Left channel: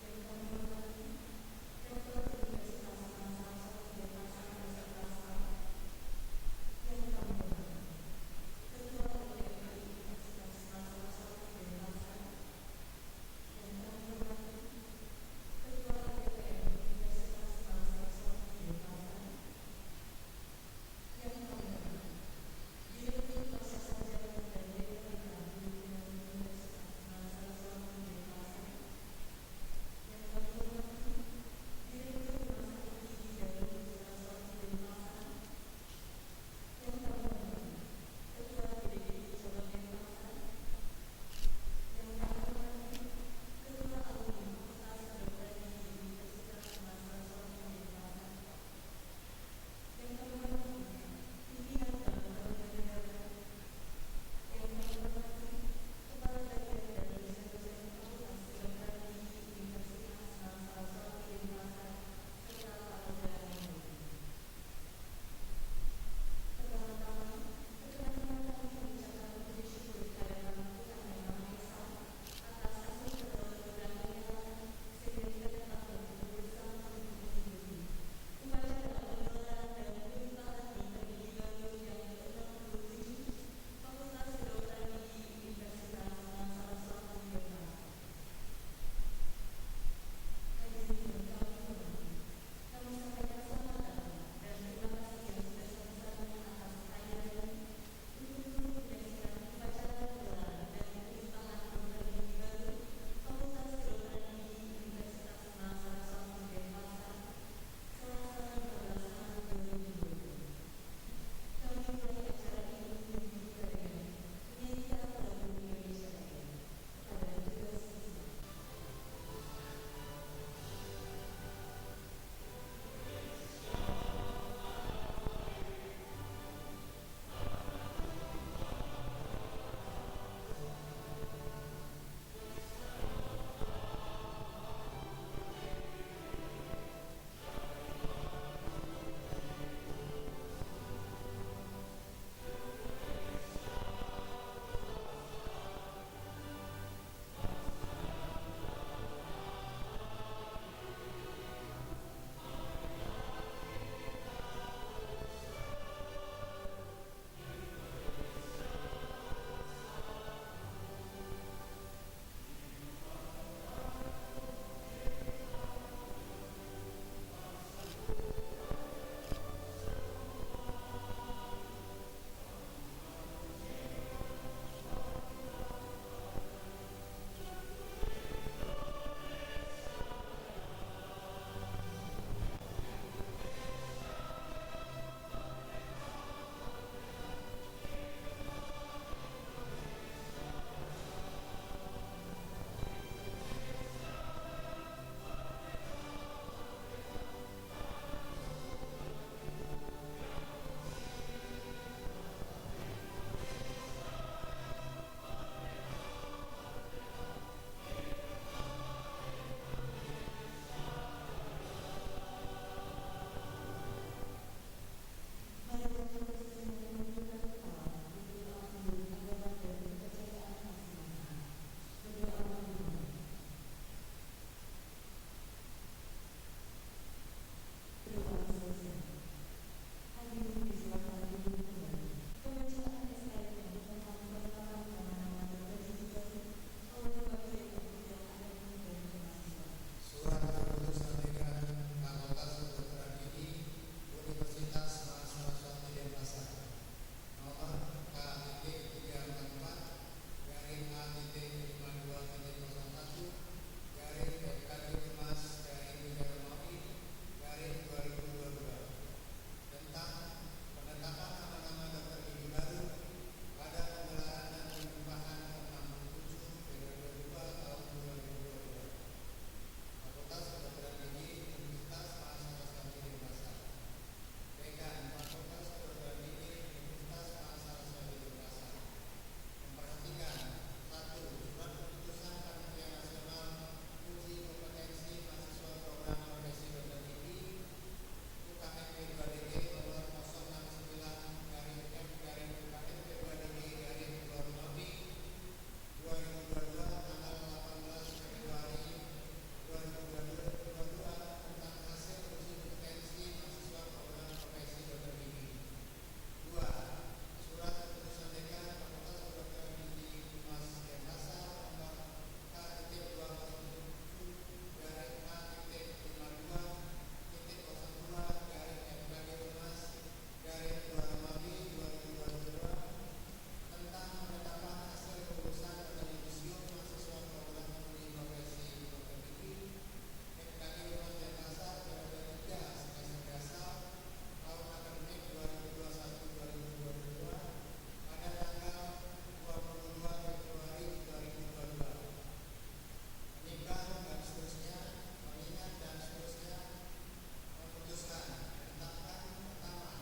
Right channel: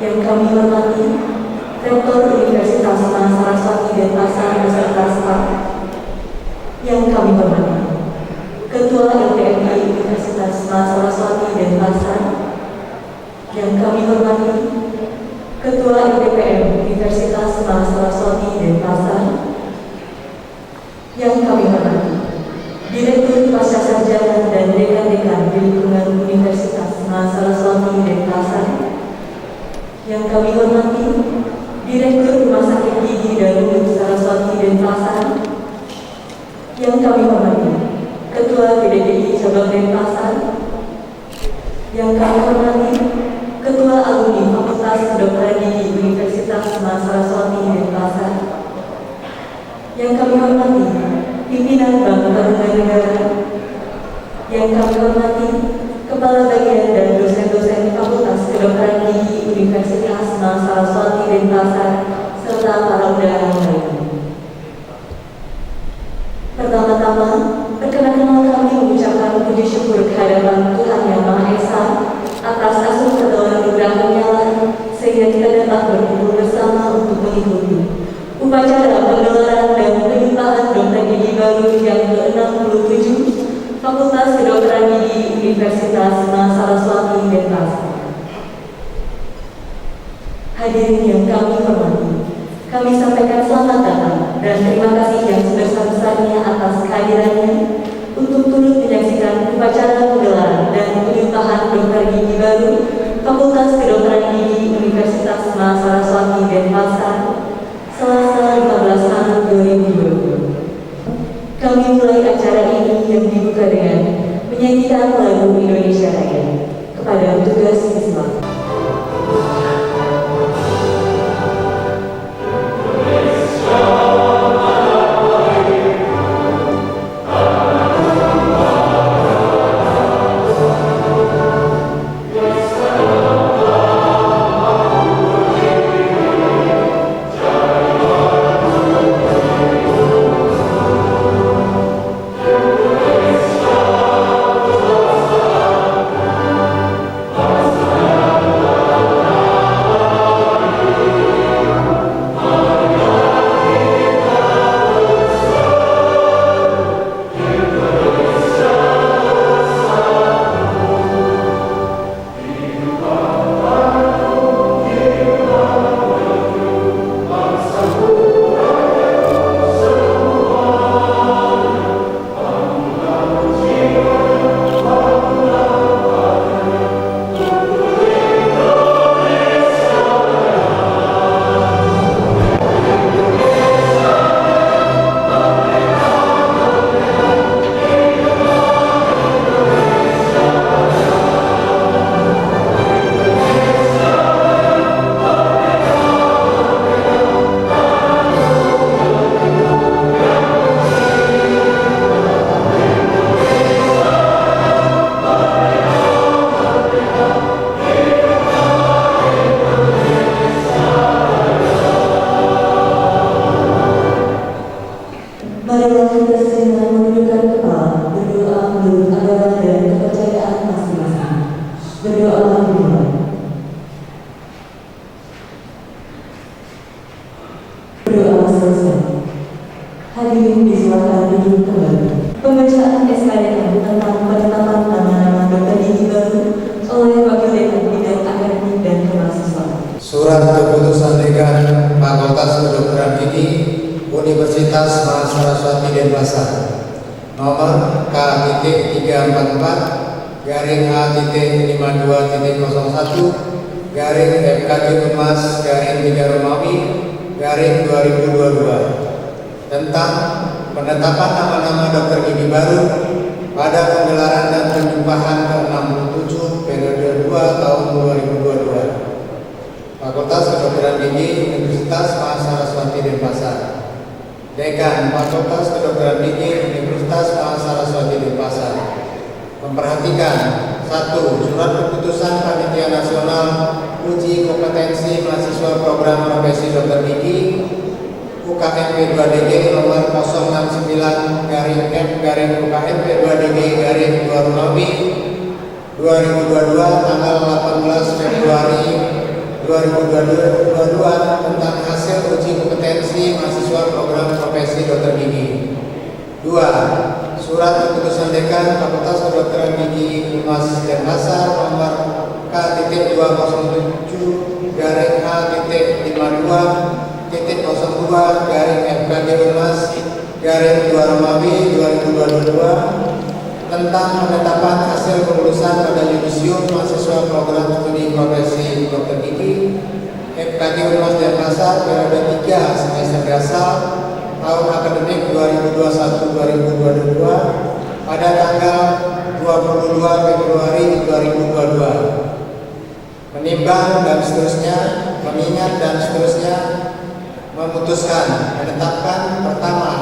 Yang kami hormati Rektor Universitas Mahasiswa Denpasar beserta staf. Yang kami hormati Ketua LPMI Universitas Mahasiswa Denpasar. Yang kami hormati Ketua LPPM Universitas Mahasiswa Denpasar. Yang kami hormati Direktur Pascasarjana dan Dekan-Dekan di lingkungan Universitas Mahasiswa Denpasar. Yang kami hormati Direktur Rumah Sakit Gigi dan Mulut Saraswati Denpasar. Yang kami hormati Ketua PDGI Cabang Denpasar. Yang kami hormati Ketua Alumni Fakultas Kedokteran Gigi Universitas Mahasiswa Denpasar. Yang kami hormati pimpinan Bank Tabungan Negara. Yang kami hormati Kepala Bagian dan dosen-dosen Fakultas Kedokteran Gigi Universitas Mahasiswa Denpasar serta para undangan lainnya. Pertama-tama, perkenalkan kami mengucapkan puji syukur kehadiran Tuhan Yang Maha Esa atas asuh dan anugerah-Nya sehingga kita dapat berkumpul bersama untuk mengikuti upacara penggelaran dan penyimpanan dokter gigi baru yang ke-67 Fakultas Kedokteran Gigi Universitas Mahasiswa Berdoalah dimulai. Berdoa selesai. Hadirin disilakan duduk kembali. Pembacaan SKDM tentang penetapan nama-nama dokter gigi baru oleh Wakil Dekan Bidang Akademik dan Kemahasiswaan. Surat Keputusan Dekan Fakultas Kedokteran Gigi Universitas Mahasiswa Denpasar nomor K-52/52/FKG Unmas/3 Romawi/2022 tentang penetapan nama-nama dokter gigi baru pada penggelaran dan penjumpahan ke-67 periode 2 tahun 2022. Fakultas Kedokteran Gigi Universitas Mahasiswa Denpasar. Dekan Fakultas Kedokteran Gigi Universitas Mahasiswa Denpasar memperhatikan 1. Surat Keputusan Panitia Nasional Uji Kompetensi Mahasiswa Program Profesi Dokter Gigi UKMP 2DG nomor 069/F/UKMP 2DG/2 Romawi 2022 tanggal 18 Februari 2022 tentang hasil uji kompetensi mahasiswa program profesi dokter gigi. 2. Surat Keputusan Dekan Fakultas Kedokteran Gigi Universitas Denpasar nomor K-2,7/H-52.02/FKG Unmas/2 Romawi 2022 tentang penetapan hasil kelulusan pada yudisium mahasiswa program studi profesi dokter gigi FKG Unmas Denpasar periode 3 semester dasar tahun akademik 2021-2022 pada tanggal 22 Februari 2022. Menimbang dan seterusnya, mengingat dan seterusnya, memutuskan menetapkan pertama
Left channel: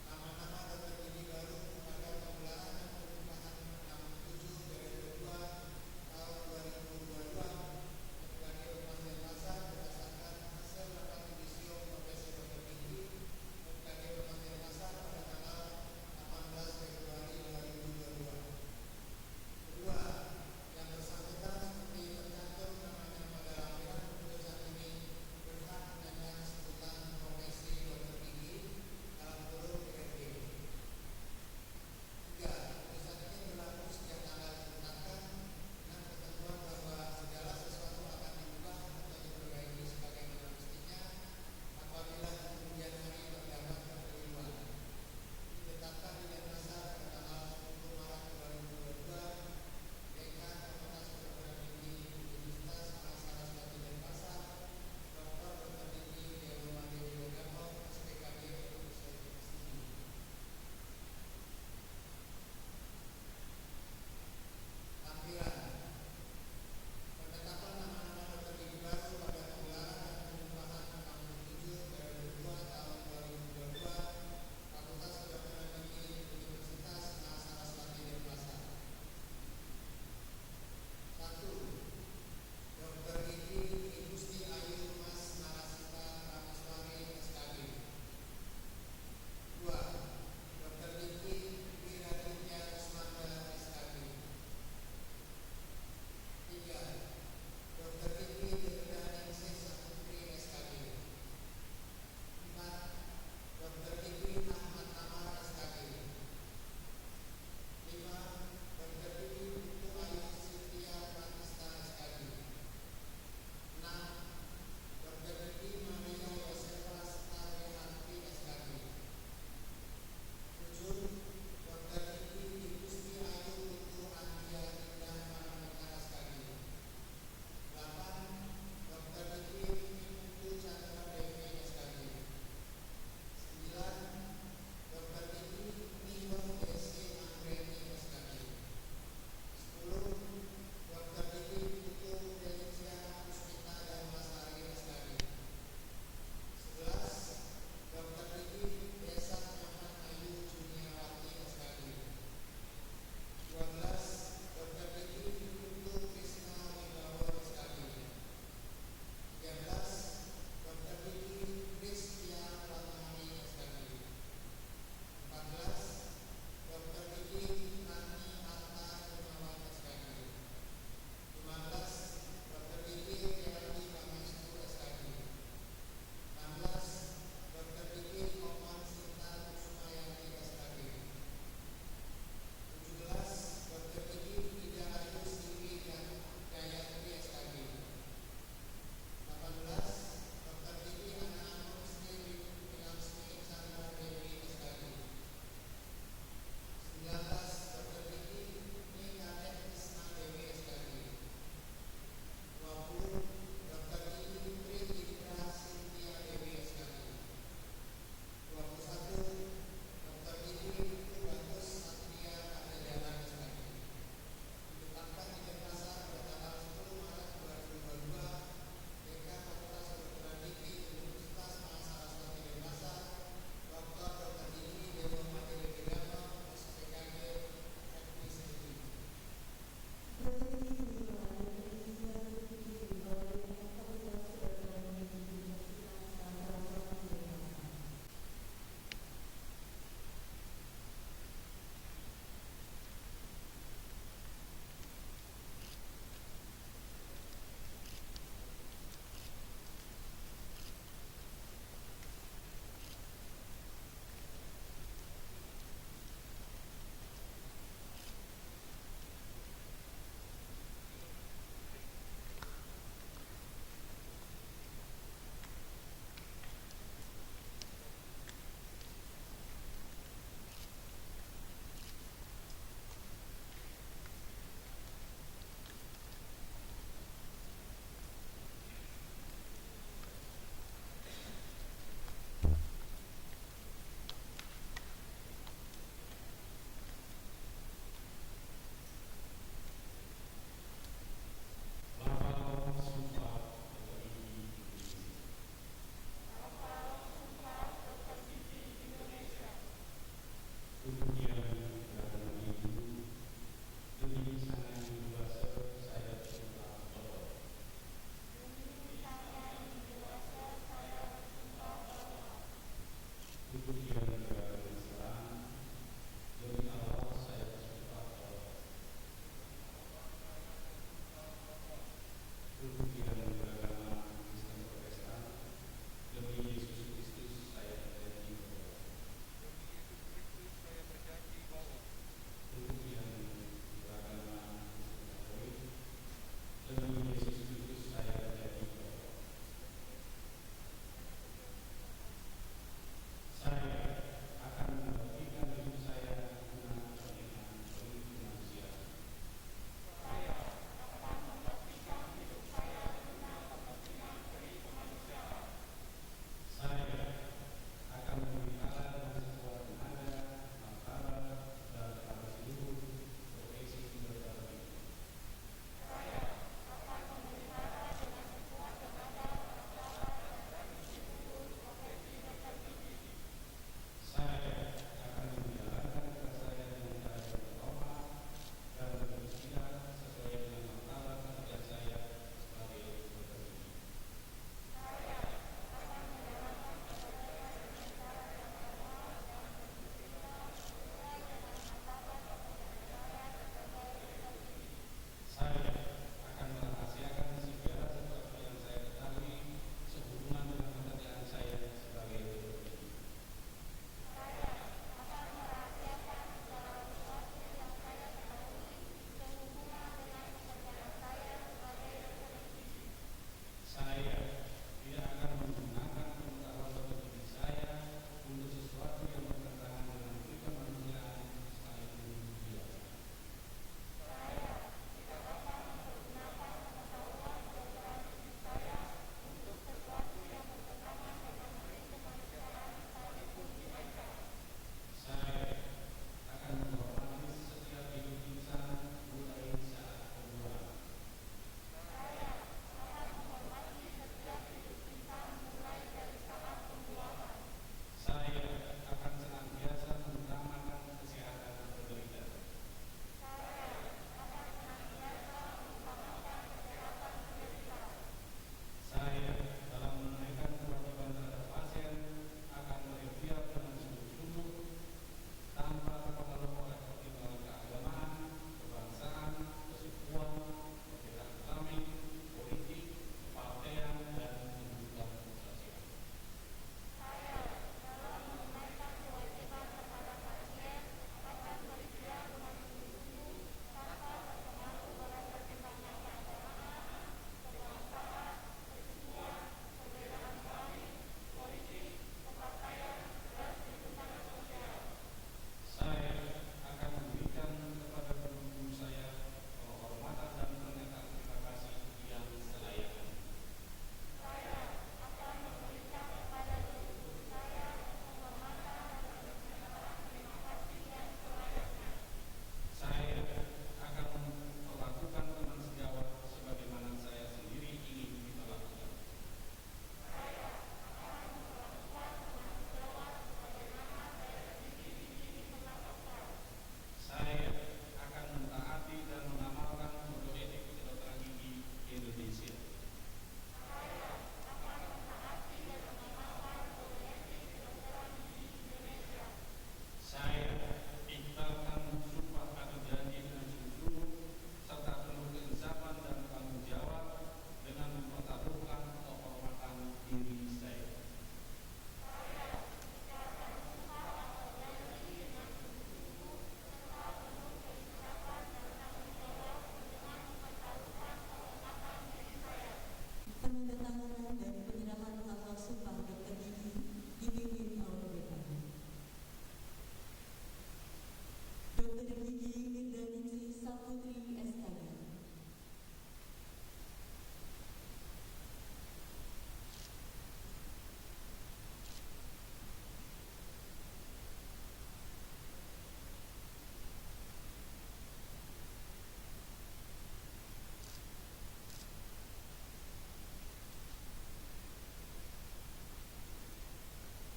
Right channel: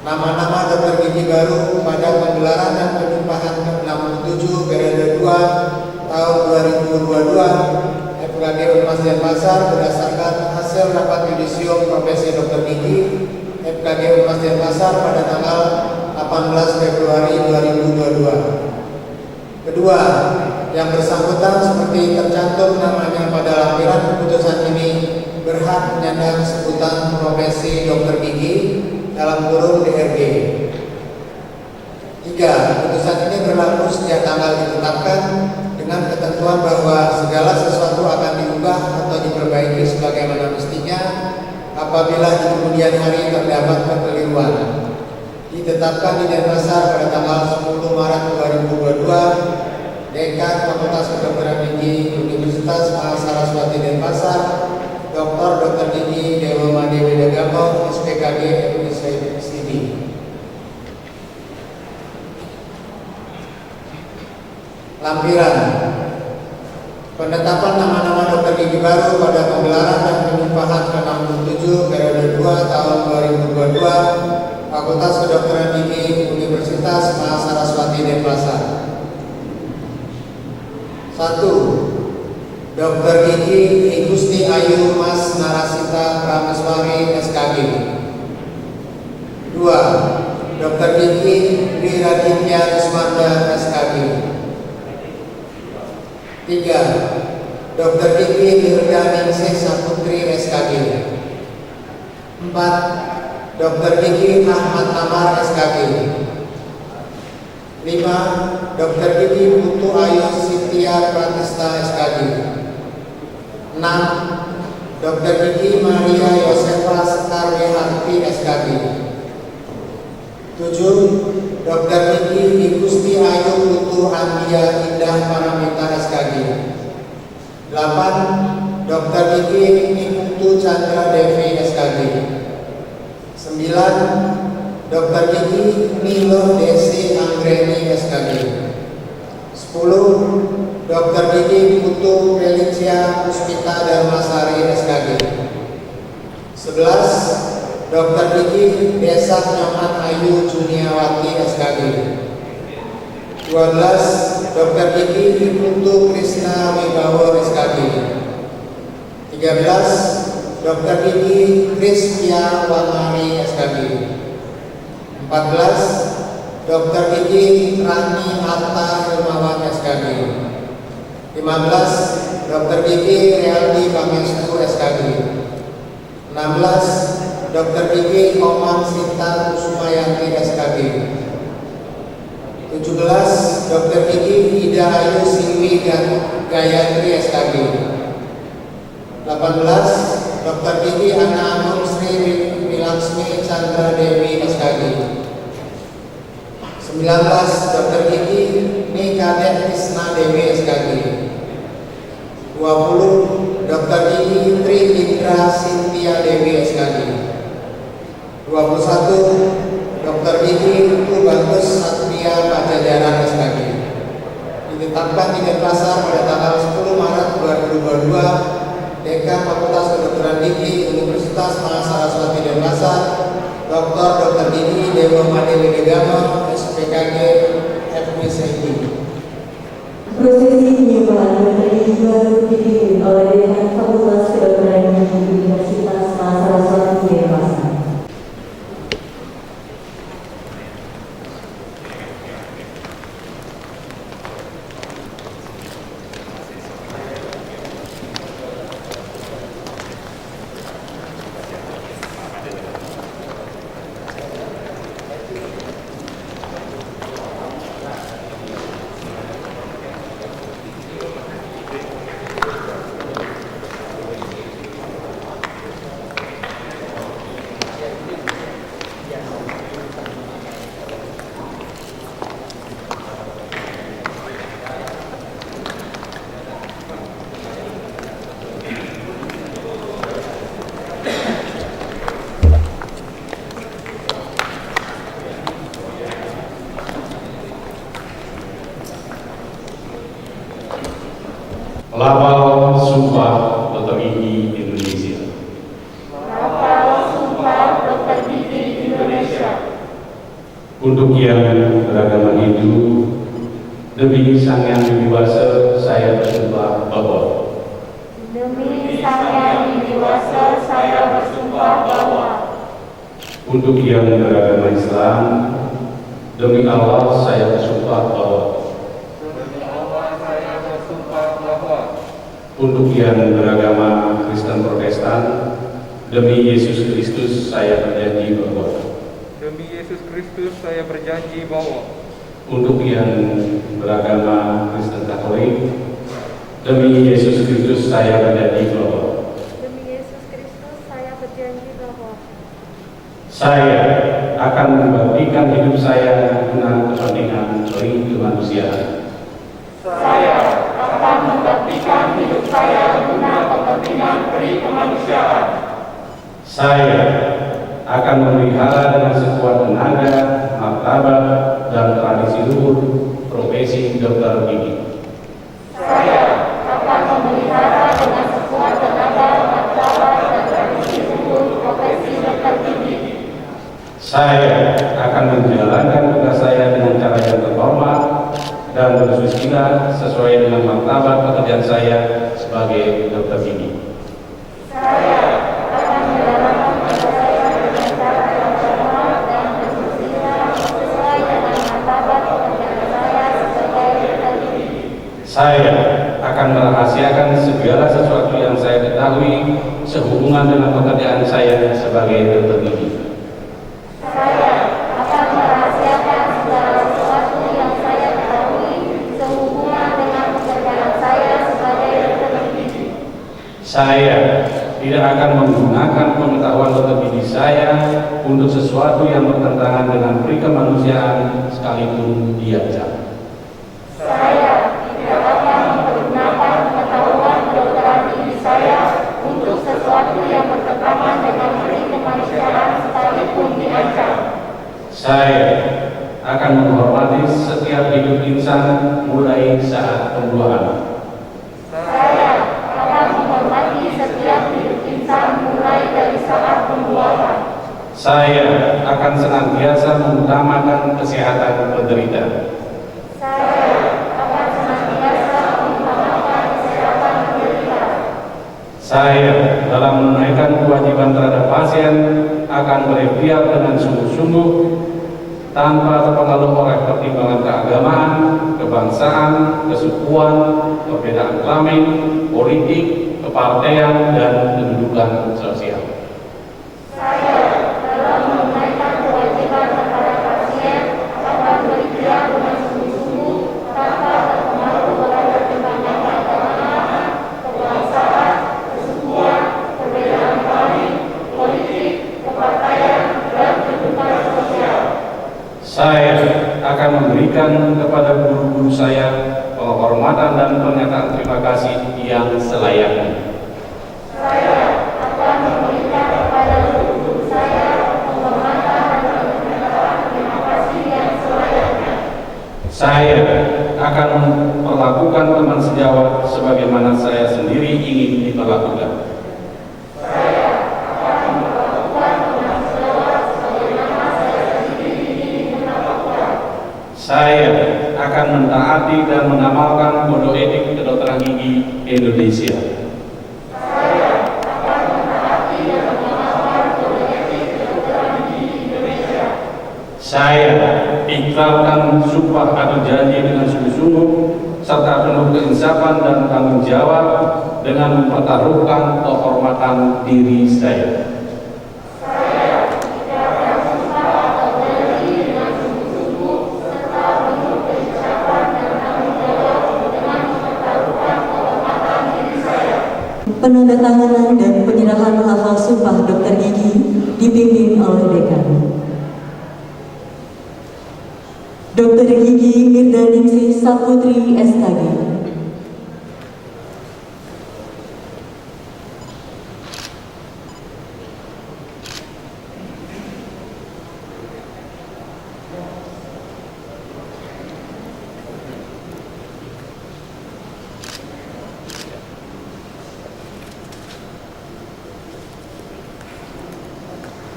nama-nama dokter gigi baru pada penggelaran dan penjumpahan ke-67 periode 2 tahun 2022 FKG Unmas Denpasar berdasarkan hasil rapat yudisium profesi dokter gigi FKG Unmas Denpasar pada tanggal 18 Februari 2022. Kedua, yang bersangkutan seperti tercantum namanya pada lampiran keputusan ini berhak menyandang sebutan profesi dokter gigi dalam kurung DRG. 3. Keputusan ini berlaku sejak tanggal ditetapkan dengan ketentuan bahwa segala sesuatu akan diubah atau diperbaiki sebagaimana mestinya apabila di kemudian hari terdapat kekeliruan. Ditetapkan di Denpasar pada tanggal 10 Maret 2022. Dekan Fakultas Kedokteran Gigi Universitas Mahasiswa Denpasar Dr. Gigi Dewa Madewi Dagamo SPKG MSc. Lampiran penetapan nama-nama dokter gigi baru pada penggelaran dan penjumpahan ke-67 periode 2 tahun 2022 Fakultas Kedokteran Gigi Universitas Mahasiswa Denpasar. 1. Dr. Gigi Igusti Ayu Mas Narasita Prameswari SKG. 2. Dr. Gigi Dwi Raditya Rismanda SKG. 3. Dr. Gigi Nirdaningsih Saputri SKG. 4. Dr. Gigi Ahmad Amar SKG. 5. Dr. Gigi Putu Ayu Sitiya Pratista SKG. 6. Dr. Gigi Maria Yosefa Sekarwiharti SKG. 7. Dr. Gigi Igusti Ayu Putu Andia Indah Paramita SKG. 8. Dr. Gigi Putu Chandra Devi SKG. 9. Dr. Gigi Nilo Desi Anggreni SKG. 10. Dr. Gigi Putu Felicia Puspita Darmasari SKG. 11. Dr. Gigi Desa Nyoman Ayu Juniawati SKG. 12. Dr. Gigi Putu Krishna Wibawa SKG. 13. Dr. Gigi Kristia Wangari SKG. 14. Dr. Gigi Rani Atta Hilmawan SKG. 15. Dr. Gigi Realdi Pangestu SKG. 16. Dr. Gigi Komang Sinta Kusumayanti SKG. 17. Dr. Gigi Ida Ayu Siwi Gayatri SKG. 18. Dr. Gigi Ana Anum Sri Wilaksmi Chandra Dewi SKG. 19. Dr. Gigi Nikadet Isna Dewi SKG. 20. Dr. Gigi Tri Indra Sintia Dewi SKG. 21. Dr. Gigi Tubagus Satria Pajajaran SKG. Ditetapkan di Denpasar pada tanggal 10 Maret 2022, Dekan Fakultas Kedokteran Gigi Universitas Mahasaraswati Denpasar, Dr. Gigi Dewa Madewi Degama, SPKG FMCG. Prosesi penyembahan menteri baru dipimpin oleh Dekan Fakultas Kedokteran Gigi Universitas Mahasaraswati Denpasar. Lafal Sumpah Dr. Gigi Indonesia. Lafal Sumpah Dr. Gigi Indonesia. Untuk yang beragama Hindu, demi Sang Yang Widiwasa saya bersumpah bahwa Demi Sang Yang Widiwasa saya bersumpah bahwa untuk yang beragama Islam, demi Allah saya bersumpah bahwa untuk yang beragama Kristen Protestan, demi Yesus Kristus saya berjanji bahwa Demi Yesus Kristus saya berjanji bahwa untuk yang beragama Kristen Katolik, demi Yesus Kristus saya berjanji bahwa Demi Yesus Kristus saya berjanji bahwa saya akan membaktikan hidup saya guna kepentingan kemanusiaan. saya akan membaktikan hidup saya guna kepentingan kemanusiaan. Saya akan memelihara dengan sekuat tenaga, martabat, dan tradisi luhur profesi dokter gigi. Saya akan memelihara dengan sekuat tenaga, martabat, dan tradisi luhur profesi dokter gigi. Saya akan menjalankan tugas saya dengan cara yang terhormat dan bersusila sesuai dengan martabat pekerjaan saya sebagai dokter gigi. Saya akan menjalankan tugas saya dengan cara yang terhormat dan bersusila sesuai dengan martabat pekerjaan saya sebagai dokter gigi. Saya akan merahasiakan segala sesuatu yang saya ketahui sehubungan dengan pekerjaan saya sebagai dokter gigi. Saya akan merahasiakan segala sesuatu yang saya ketahui sehubungan dengan pekerjaan saya sebagai dokter gigi. Saya tidak akan menggunakan pengetahuan dokter gigi saya untuk sesuatu yang bertentangan dengan perikemanusiaan sekalipun dia jahat. Saya tidak akan menggunakan pengetahuan kedokteran gigi saya untuk sesuatu yang bertentangan dengan kemanusiaan sekalipun diancam. Saya akan menghormati setiap hidup insan mulai saat pembuahan. Saya akan menghormati setiap hidup insan mulai dari saat pembuahan. Saya akan senantiasa mengutamakan kesehatan penderita. Saya akan senantiasa mengutamakan kesehatan penderita. Saya dalam menunaikan kewajiban terhadap pasien akan berikhtiar dengan sungguh-sungguh tanpa terpengaruh oleh pertimbangan keagamaan, kebangsaan, kesukuan, perbedaan kelamin, politik, kepartean, dan kedudukan sosial. Saya dalam menunaikan kewajiban kepada pasien akan berikhtiar dengan sungguh-sungguh tanpa terpengaruh oleh pertimbangan keagamaan, kebangsaan, kesukuan, perbedaan kelamin, politik, kepartaian, dan kedudukan sosial. Saya akan memberikan kepada guru-guru saya penghormatan dan pernyataan terima kasih yang selayaknya. Saya akan memberikan kepada guru-guru saya penghormatan dan pernyataan terima kasih yang selayaknya. Saya akan memperlakukan teman sejawat sebagaimana saya sendiri ingin diperlakukan. Saya akan mentaati dan mengamalkan kode etik kedokteran gigi Indonesia. Saya akan mentaati dan mengamalkan kode etik kedokteran gigi Indonesia. Saya ikrarkan sumpah atau janji dengan sungguh-sungguh serta penuh keinsafan dan tanggung jawab dengan mempertaruhkan kehormatan diri saya. Penandatanganan dan penyerahan hafal sumpah dokter gigi dipimpin oleh dekan. Dokter gigi Mirdaningsih Saputri SKG.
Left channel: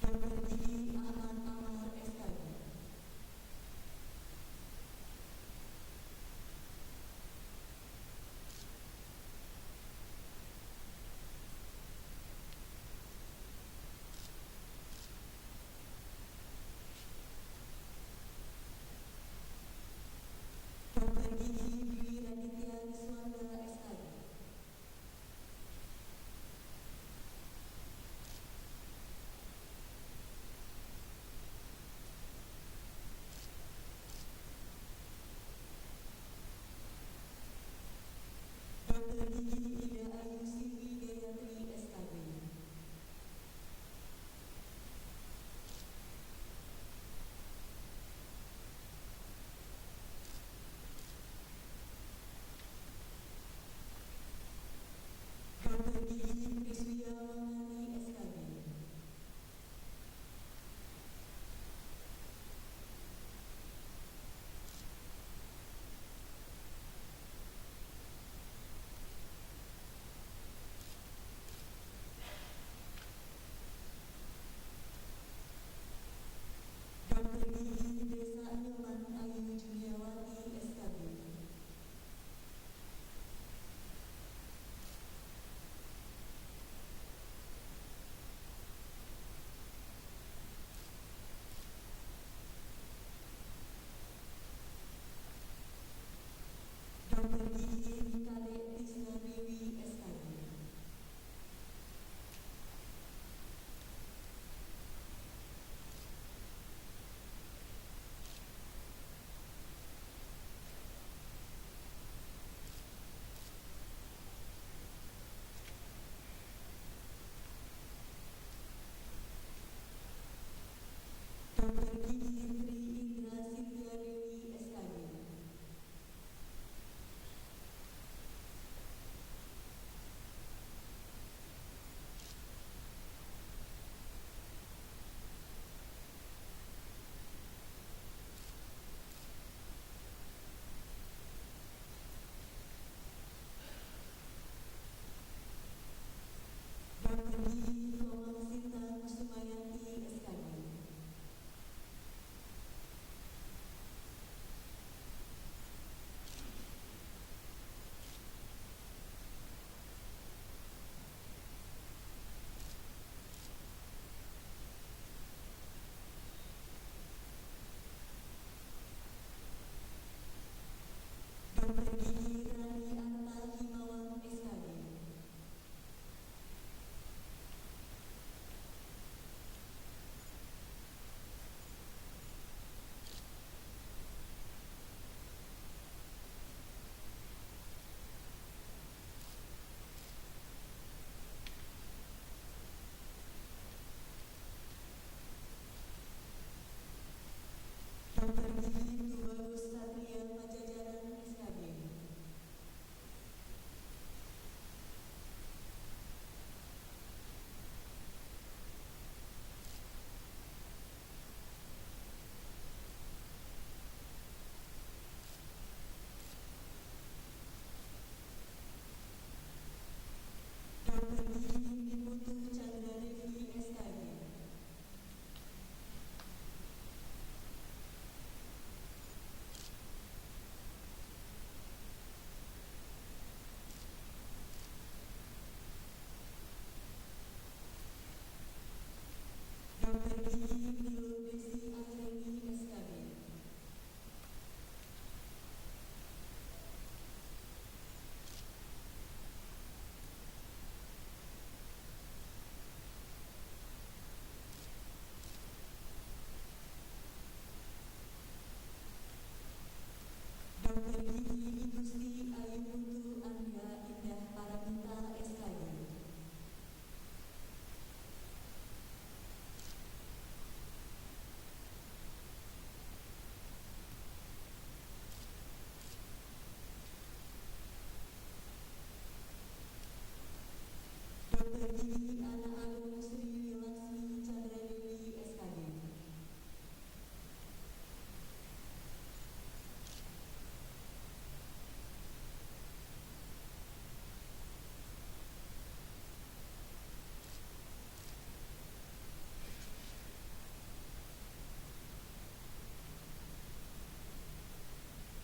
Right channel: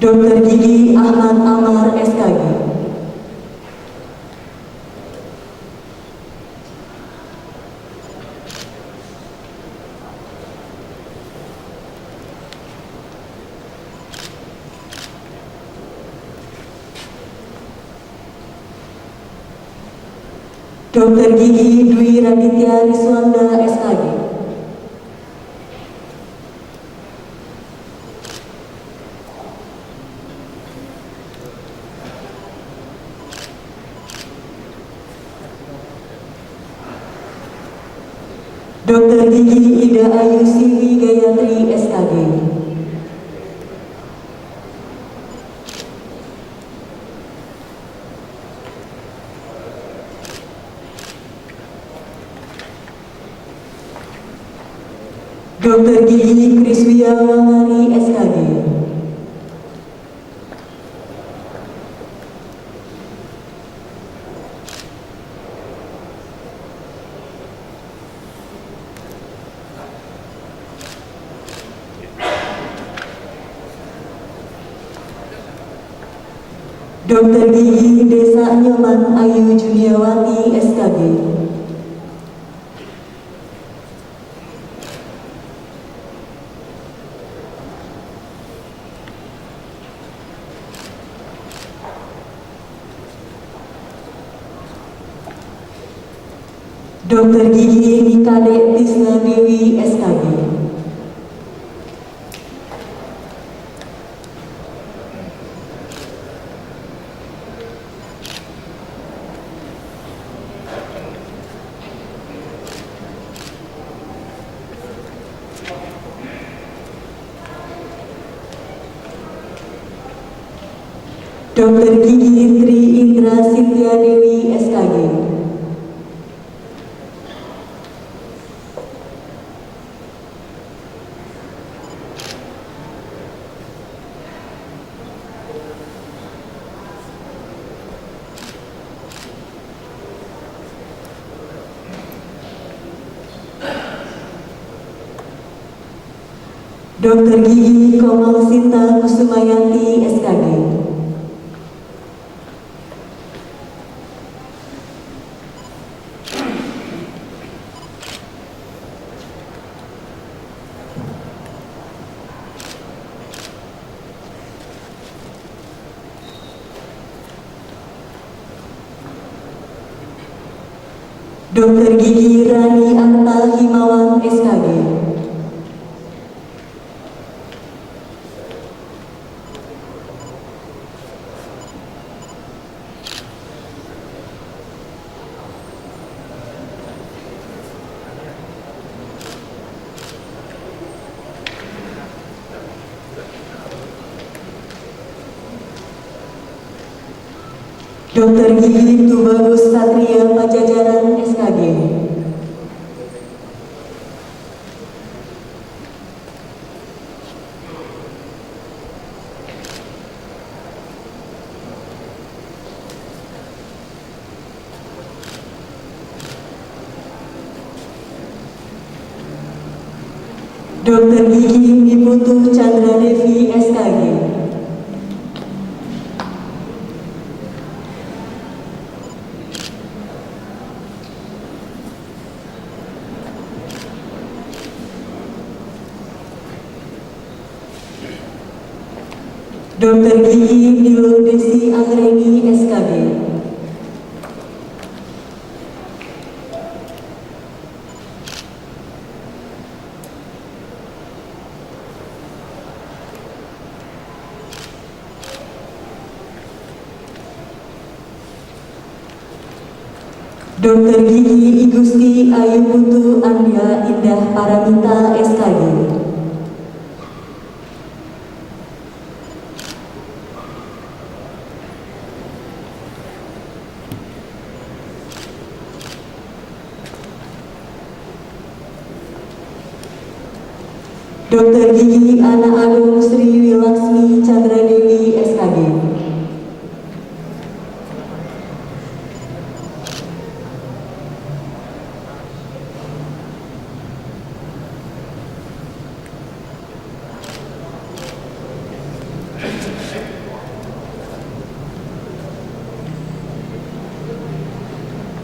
Dokter gigi Ahmad Amar SKG. Dokter gigi Dwi Raditya Riswanda SKG. Dokter gigi Ida Ayu Siwi Gayatri SKG. Dokter gigi Kriswia Wangari SKG. Dokter gigi Desa Nyoman Ayu Juniawati SKG. Dokter gigi Nikade Tisna Dewi SKG. Dokter gigi Tri Indra Sintia Dewi SKG. Dokter gigi Komal Sinta Kusumayanti SKG. Dokter gigi Rani Arta Dr. Gigi Tubagus Satria Pajajaran SKG. Dr. Gigi Niputu Chandra Devi SKG. Dr. Gigi Nilo Desi Anggreni SKG. Dr. Gigi Igusti Ayu Putu Anda Indah Paramita SKG. Dr. Gigi Ana Agung Sri Wilaksmi Chandra Dewi SKG.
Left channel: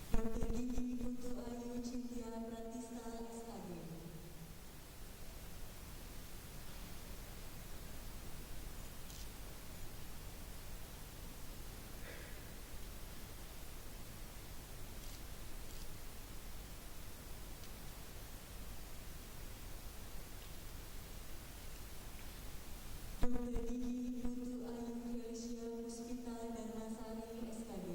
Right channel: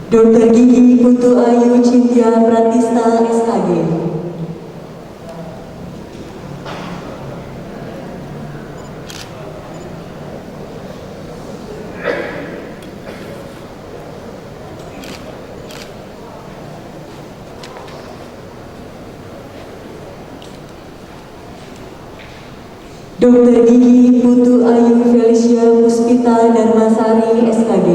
Dr. Gigi Putu Ayu Cynthia Pratista SKG. Dr. Gigi Putu Ayu Felicia Puspita Darmasari SKG.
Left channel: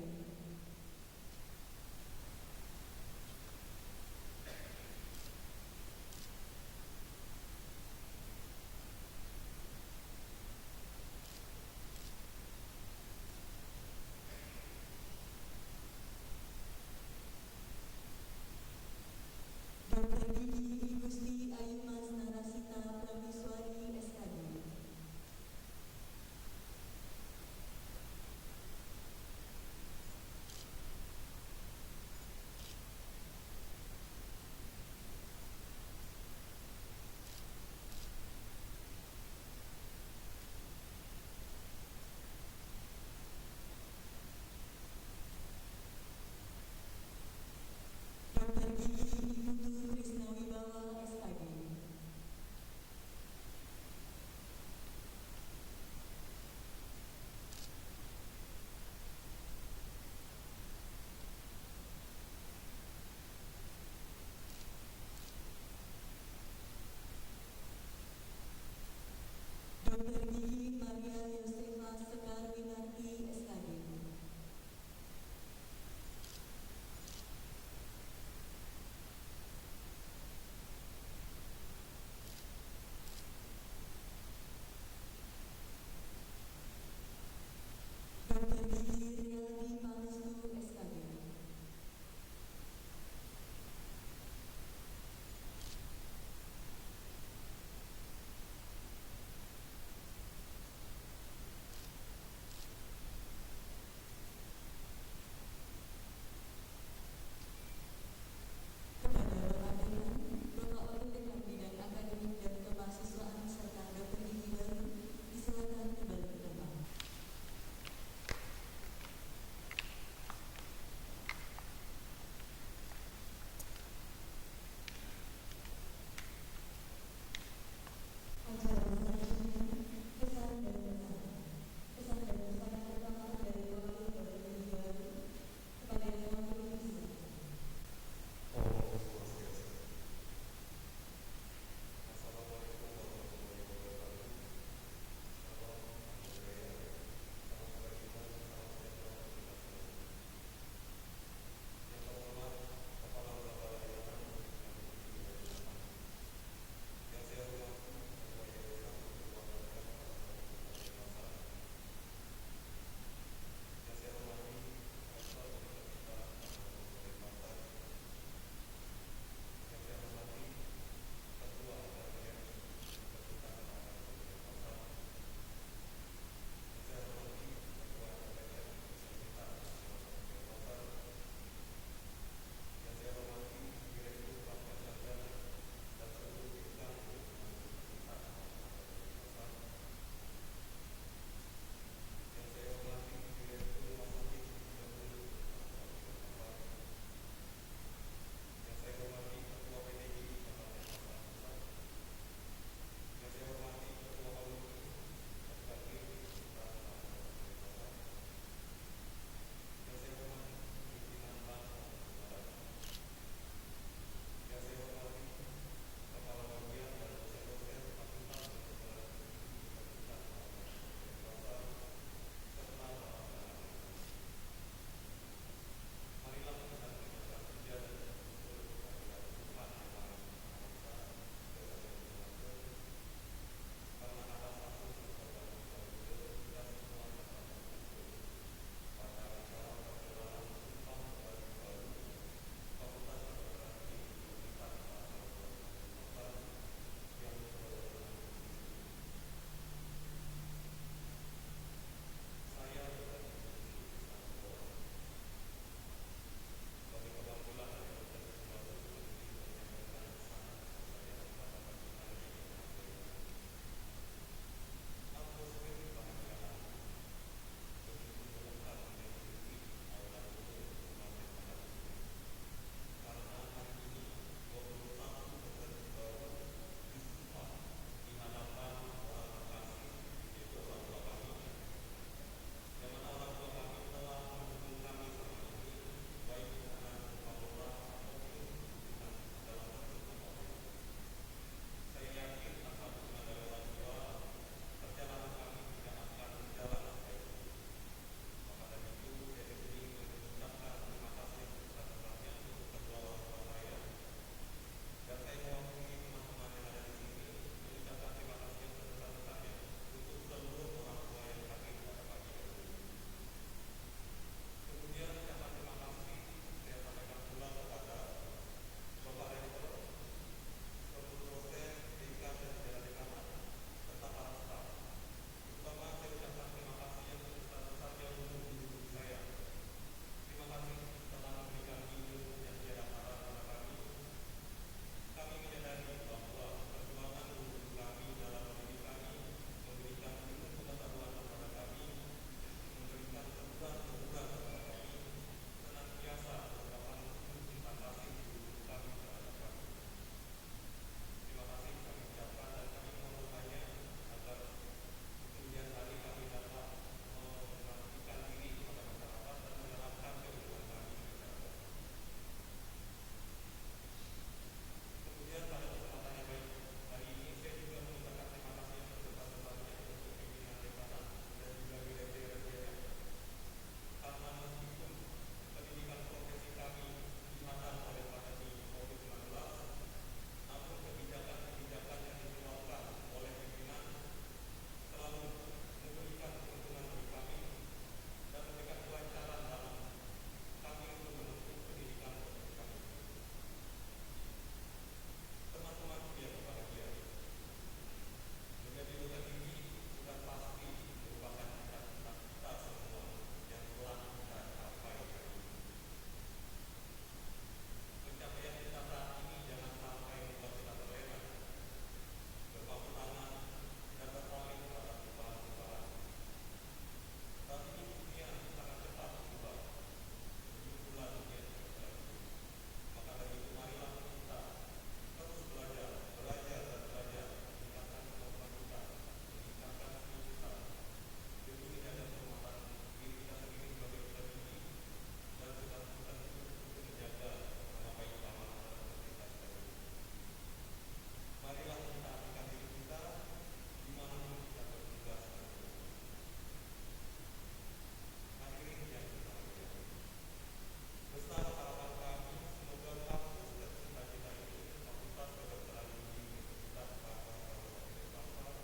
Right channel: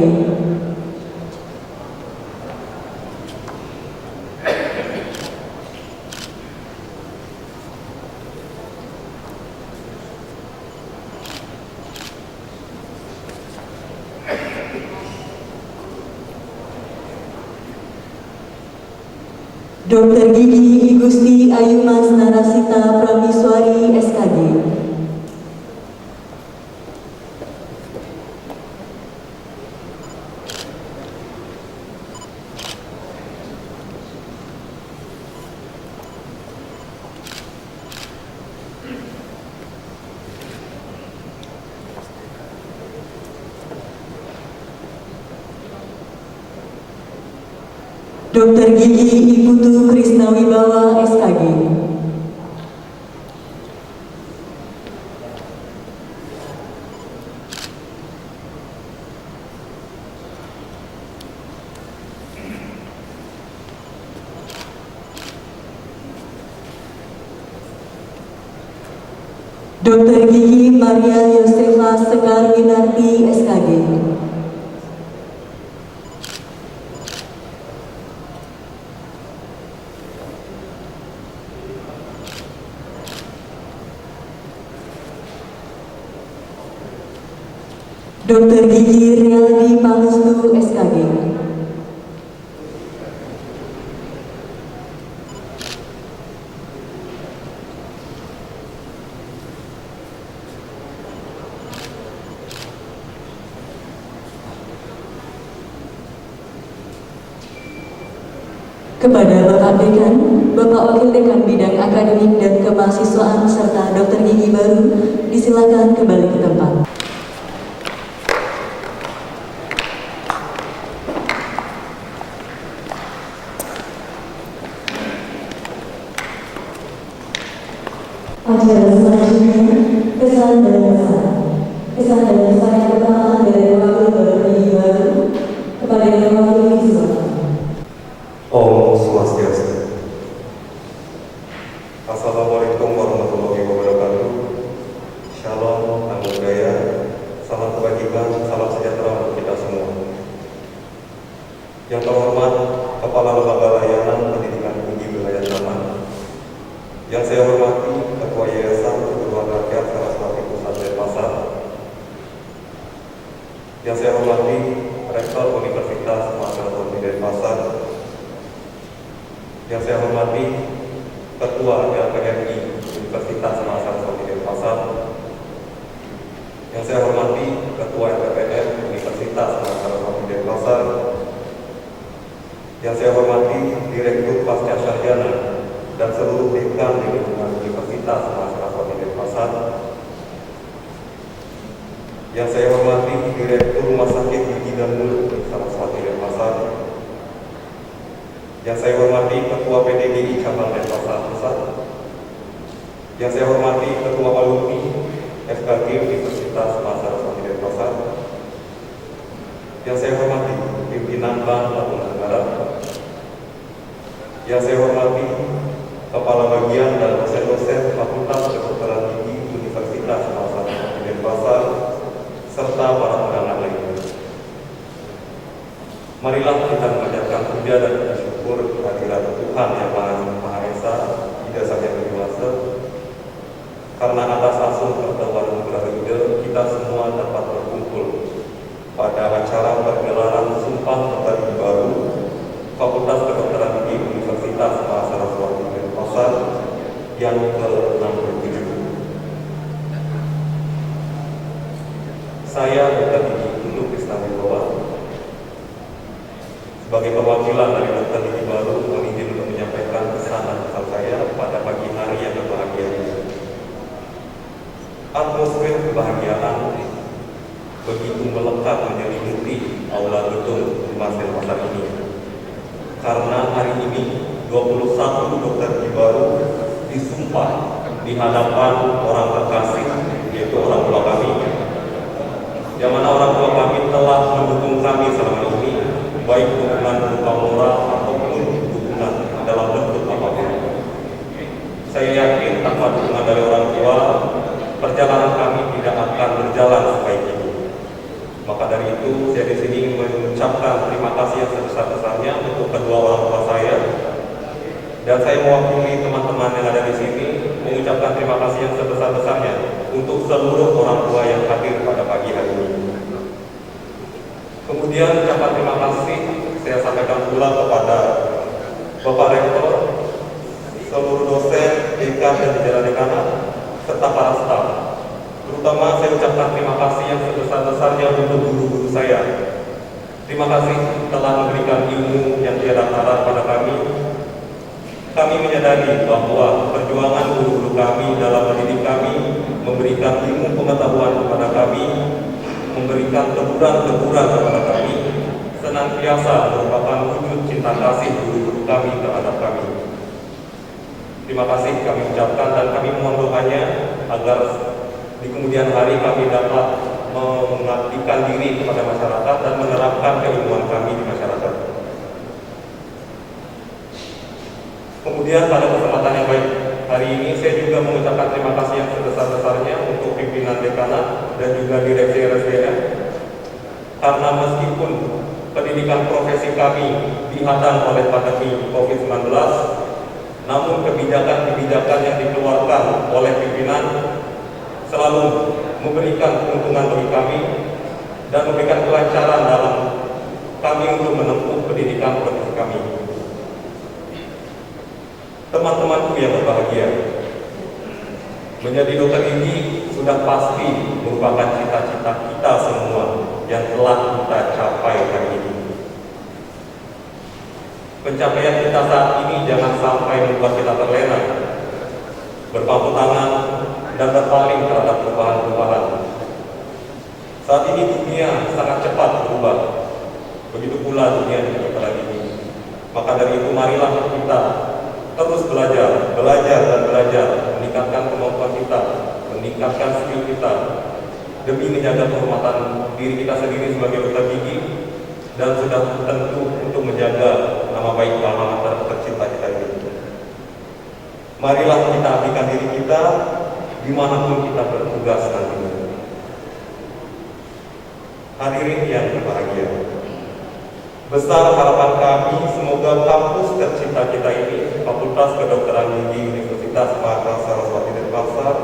Dr. Gigi Igusti Ayu Mas Narasita Prameswari SKG. Dr. Gigi Iputu Krisna Wibawa SKG. Dr. Gigi Maria Yosefa Sekar Winarti SKG. Dr. Gigi Rialdi Pangestu SKG. Kepada Bapak Dekan, Bapak Wakil Dekan Bidang Akademik dan Kemahasiswaan serta Dr. Gigi baru, disilakan kembali ke tempat. Acara selanjutnya, kesan dan pesan. Kesan dan pesan yang pertama dari Wakil Dr. Gigi baru kepada Yang Wakil Siswa. Om Swastiastu. Assalamualaikum warahmatullahi wabarakatuh. Shalom, namo buddhaya, salam kebajikan, salam sejahtera untuk kita semua. Yang terhormat Kepala Lembaga Layanan Pendidikan Tinggi Wilayah Zaman, yang saya hormati Ketua Yayasan Kebutuhan Rakyat Saraswati Pusat Denpasar, yang saya hormati Ketua LPMI Universitas Saraswati Denpasar, yang saya hormati Ketua LPPM Universitas Saraswati Denpasar, yang saya hormati Direktur Pasca Sarjana dan seluruh dekan di lingkungan Universitas Saraswati Denpasar, yang saya hormati Direktur Rumah Sakit Gigi dan Mulut Saraswati Denpasar, yang saya hormati Ketua PDGI Cabang Denpasar Pusat, yang saya hormati Ketua Alumni FKG Universitas Saraswati Denpasar, yang saya hormati pimpinan Bank Labuan Negara, yang saya hormati Kepala Bagian dan dosen-dosen Fakultas Kedokteran Gigi Universitas Saraswati Denpasar, serta para undangan lainnya. Marilah kita mengajarkan puja dan bersyukur kehadirat Tuhan Yang Maha Esa, tidak saja berkuasa, karena atas asuh pertemuan anugerah ide kita semua dapat berkumpul pada acara pergelaran Sumpah Pemuda Baru Fakultas Kedokteran Gigi Universitas Saraswati Denpasar yang ke-67. Saya Dr. Gigi Ulu Krisnawibawa sebagai perwakilan dari Dr. Gigi Baru mohon izin untuk menyampaikan pesan dan pesan saya pada pagi hari yang berbahagia ini. Atmosfer kebahagiaan begitu melekat menyelimuti aula gedung Humas Denpasar ini, karena hari ini 21 Dr. Gigi Baru disumpah di hadapan orang terkasih, yaitu orang tua kami, yang mana orang tua kami telah mendukung kami selama ini, baik dukungan berupa moral ataupun dukungan dalam bentuk apapun. Saya yakin tanpa dukungan dari orang tua, perjalanan kami tidak akan berjalan sebaik ini. Maka dari itu, saya di sini mengucapkan terima kasih yang sebesar-besarnya untuk kedua orang tua saya, dan saya mewakili teman-teman yang ada di sini mengucapkan terima kasih yang sebesar-besarnya untuk seluruh orang tua yang hadir pada pagi hari ini. Kemudian ucapan terima kasih saya sampaikan pula kepada Bapak Rektor, seluruh dosen, dekan dan jajaran dekanat, serta para staf. Terutama saya ucapkan terima kasih yang sebesar-besarnya untuk guru-guru saya. Terima kasih telah memberikan ilmu yang tiada tara pada kami. Kami menyadari bahwa perjuangan guru-guru kami dalam mendidik kami, memberikan ilmu pengetahuan kepada kami, memberikan teguran-teguran kepada kami, senantiasa merupakan wujud cinta kasih guru-guru kami terhadap kami. Terima kasih kami ucapkan dan kami mohon doanya agar di kemudian hari kami dapat mengabdikan diri kepada masyarakat dan menerapkan keilmuan kami di masyarakat. Kemudian pada kesempatan yang baik hari ini saya juga mengucapkan terima kasih yang sebesar-besarnya untuk pimpinan dekanat dan juga direksi RSDM, karena meskipun pendidikan profesi kami dihadang oleh pandemi COVID-19, namun kebijakan-kebijakan yang dikeluarkan oleh pimpinan selalu memberikan keuntungan bagi kami dan memberikan kelancaran dalam kami untuk menempuh pendidikan profesi kami. Teman-temanku yang berbahagia, menjadi dokter gigi sudah pasti merupakan cita-cita kita semua yang telah kita capai hari ini. Pencapaian kita saat ini jangan sampai membuat kita terlena, berpangku tangan, dan berpaling terhadap perubahan-perubahan. Saat ini dunia sangat cepat berubah, begitu pula dunia di kedokteran ini. Maka dari itu marilah kita terus belajar dan belajar, meningkatkan kemampuan kita, meningkatkan skill kita, demi menjaga kehormatan diri kita sendiri sebagai dokter gigi, dan sudah tentu untuk menjaga nama baik alma mater tercinta kita ini. Marilah kita abdikan diri kita dimanapun kita bertugas nantinya. Hadirin yang berbahagia, besar harapan kami semoga kampus tercinta kita ini, Fakultas Kedokteran Gigi Universitas Saraswati Denpasar,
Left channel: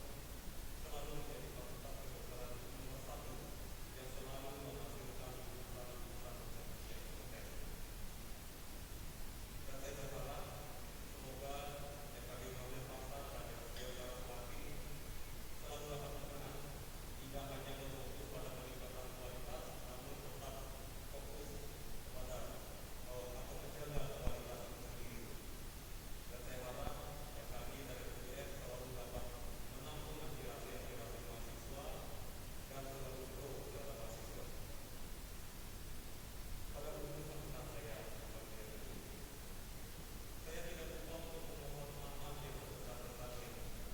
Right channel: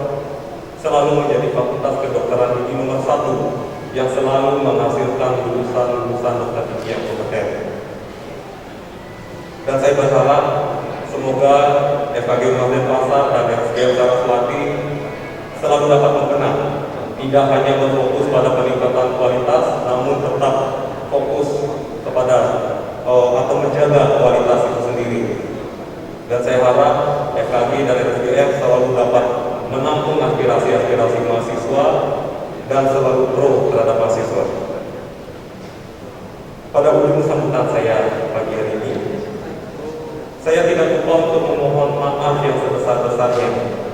selalu menjadi fakultas kedokteran gigi nomor 1 yang selalu menghasilkan lulusan-lulusan dokter gigi yang kompeten. Dan saya berharap semoga FKG Universitas tidak hanya berfokus pada peningkatan kualitas, namun tetap fokus kepada atau menjaga kualitas itu sendiri. Dan saya harap FKG dan RSGF selalu dapat menampung aspirasi-aspirasi mahasiswa dan selalu pro terhadap mahasiswa. Pada ujung sambutan saya pagi hari ini, saya tidak lupa untuk memohon maaf yang sebesar-besarnya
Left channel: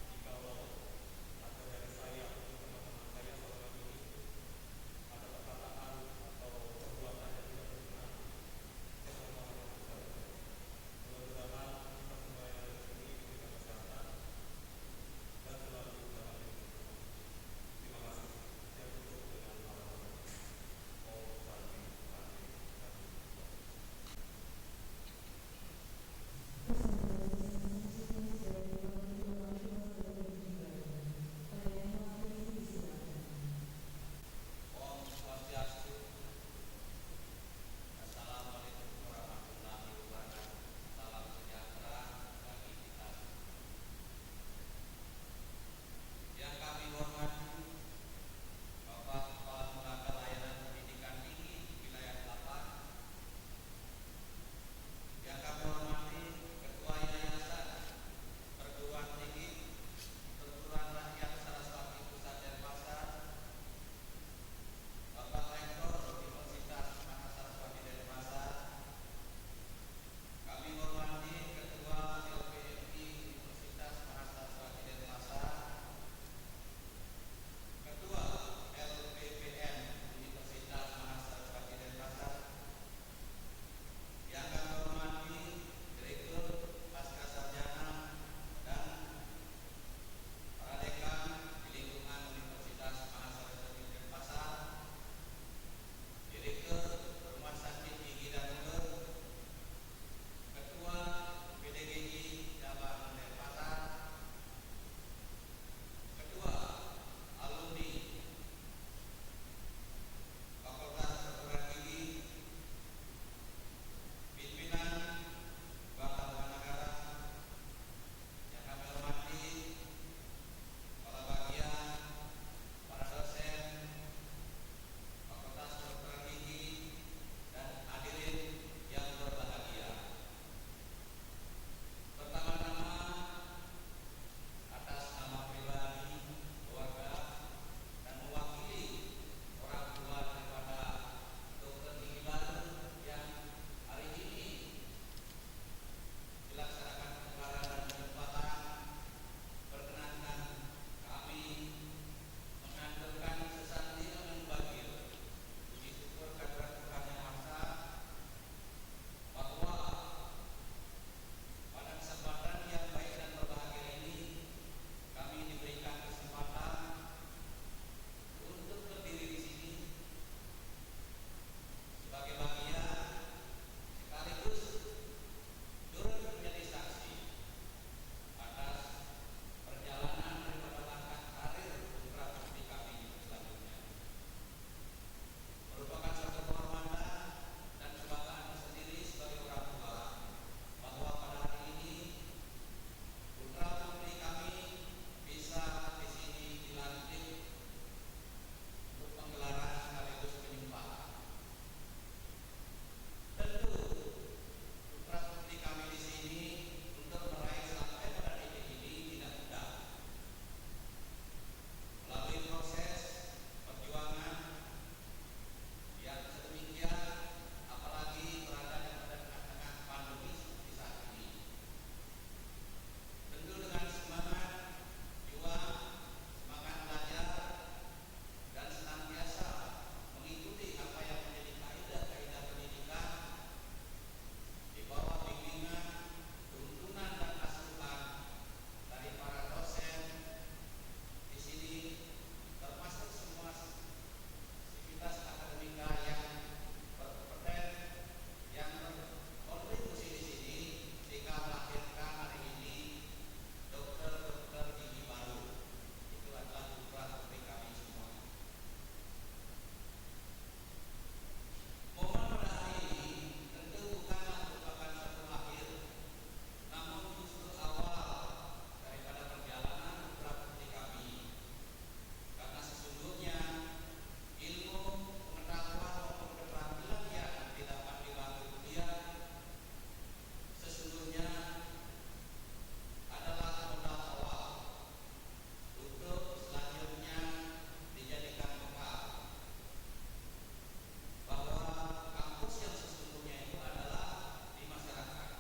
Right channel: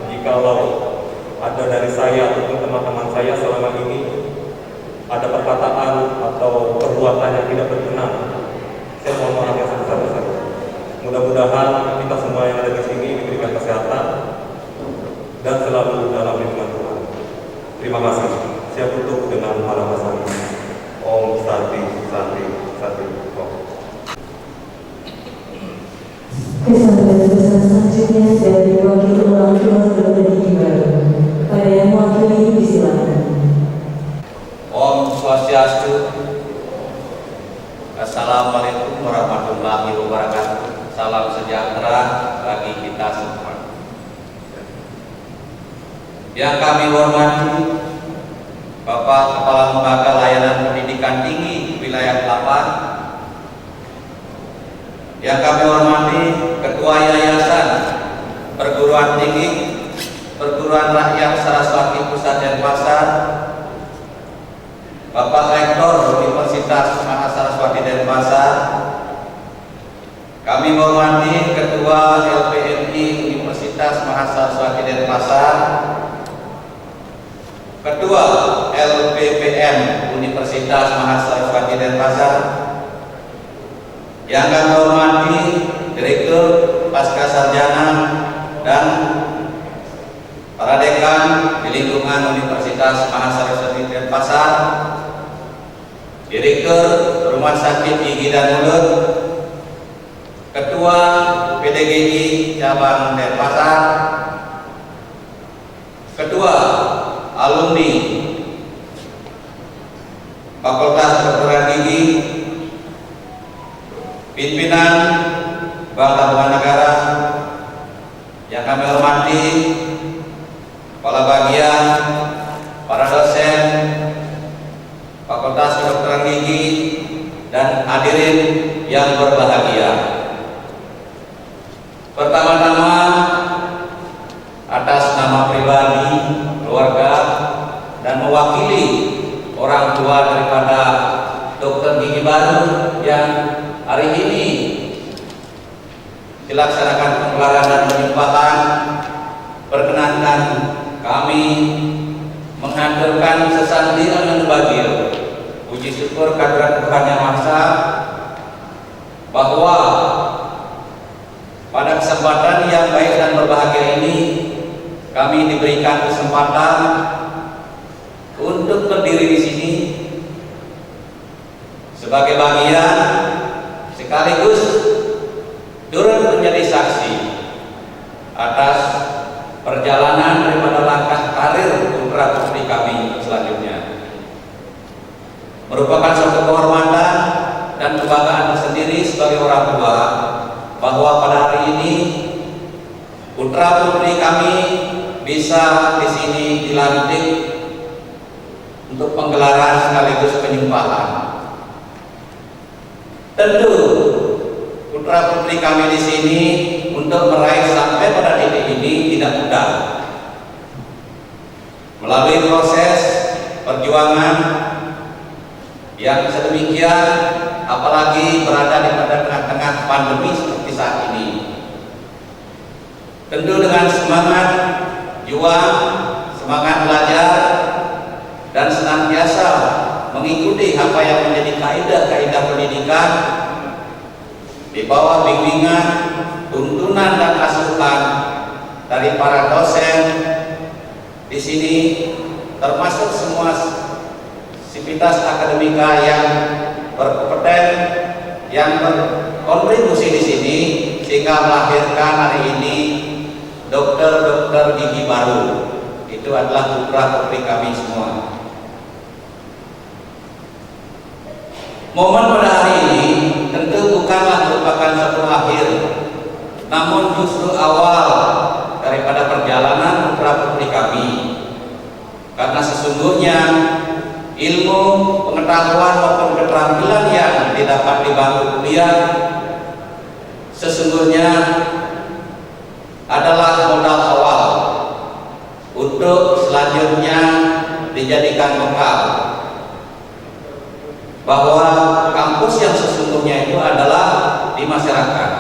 jikalau ada dari saya ataupun teman-teman saya selama ini ada perkataan atau perbuatan yang tidak berkenan. Saya mohon maaf yang sebesar-besarnya. Mudah-mudahan kita semua yang ada di sini diberikan kesehatan dan selalu dalam lindungan Tuhan. Terima kasih. Saya tutup dengan halaman saya. Om Santi, Santi, Santi. Om. Kesan dan pesan selanjutnya dari wakil orang tua Dr. Gigi Baru. Pada yang mewakili disilakan. Om Swastiastu. Assalamualaikum warahmatullahi wabarakatuh. Salam sejahtera bagi kita semua. Yang kami hormati Bapak Kepala Lembaga Layanan Pendidikan Tinggi Wilayah 8, yang kami hormati Ketua Yayasan Perguruan Tinggi Perguruan Rakyat Saraswati Pusat Denpasar, Bapak Rektor Universitas Mahasaraswati Denpasar, kami hormati Ketua LPNI Universitas Mahasaraswati Denpasar, Ketua LPPM Universitas Mahasaraswati Denpasar, yang kami hormati Direktur Pascasarjana dan para dekan di lingkungan Universitas Mahasaraswati Denpasar, Direktur Rumah Sakit Gigi dan Mulut, Ketua PDGI Cabang Denpasar, Ketua Alumni Fakultas Kedokteran Gigi, pimpinan Bank Tabungan Negara, yang kami hormati kepala bagian, para dosen Fakultas Kedokteran Gigi, dan hadirin yang berbahagia. Pertama-tama, atas nama pribadi, keluarga, dan mewakili orang tua daripada Dr. Gigi Baru yang hari ini dilaksanakan penggelaran dan penyumpahan, perkenankan kami menghaturkan sesantian yang bagil puji syukur kehadirat Tuhan Yang Maha Esa bahwa pada kesempatan yang baik dan berbahagia ini kami diberikan kesempatan untuk berdiri di sini sebagai bagian sekaligus turut menjadi saksi atas perjalanan daripada langkah karir putra putri kami selanjutnya. Merupakan suatu kehormatan dan kebanggaan tersendiri sebagai orang tua bahwa pada hari ini putra putri kami bisa di sini dilantik untuk penggelaran sekaligus penyumpahan. Tentu putra putri kami di sini untuk meraih sampai pada titik ini tidak mudah. Melalui proses perjuangan yang sedemikian, apalagi berada di tengah-tengah pandemi seperti saat ini. Tentu dengan semangat juang, semangat belajar, dan senantiasa mengikuti apa yang menjadi kaidah-kaidah pendidikan di bawah bimbingan, tuntunan dan asuhan dari para dosen di sini, termasuk semua sivitas akademika yang berkompeten, yang berkontribusi di sini sehingga melahirkan hari ini dokter-dokter gigi baru. Itu adalah putra putri kami semua. Momen pada hari ini tentu bukanlah merupakan suatu akhir, namun justru awal daripada perjalanan putra putri kami. Karena sesungguhnya adalah modal awal untuk selanjutnya dijadikan bekal bahwa kampus yang sesungguhnya itu adalah di masyarakat.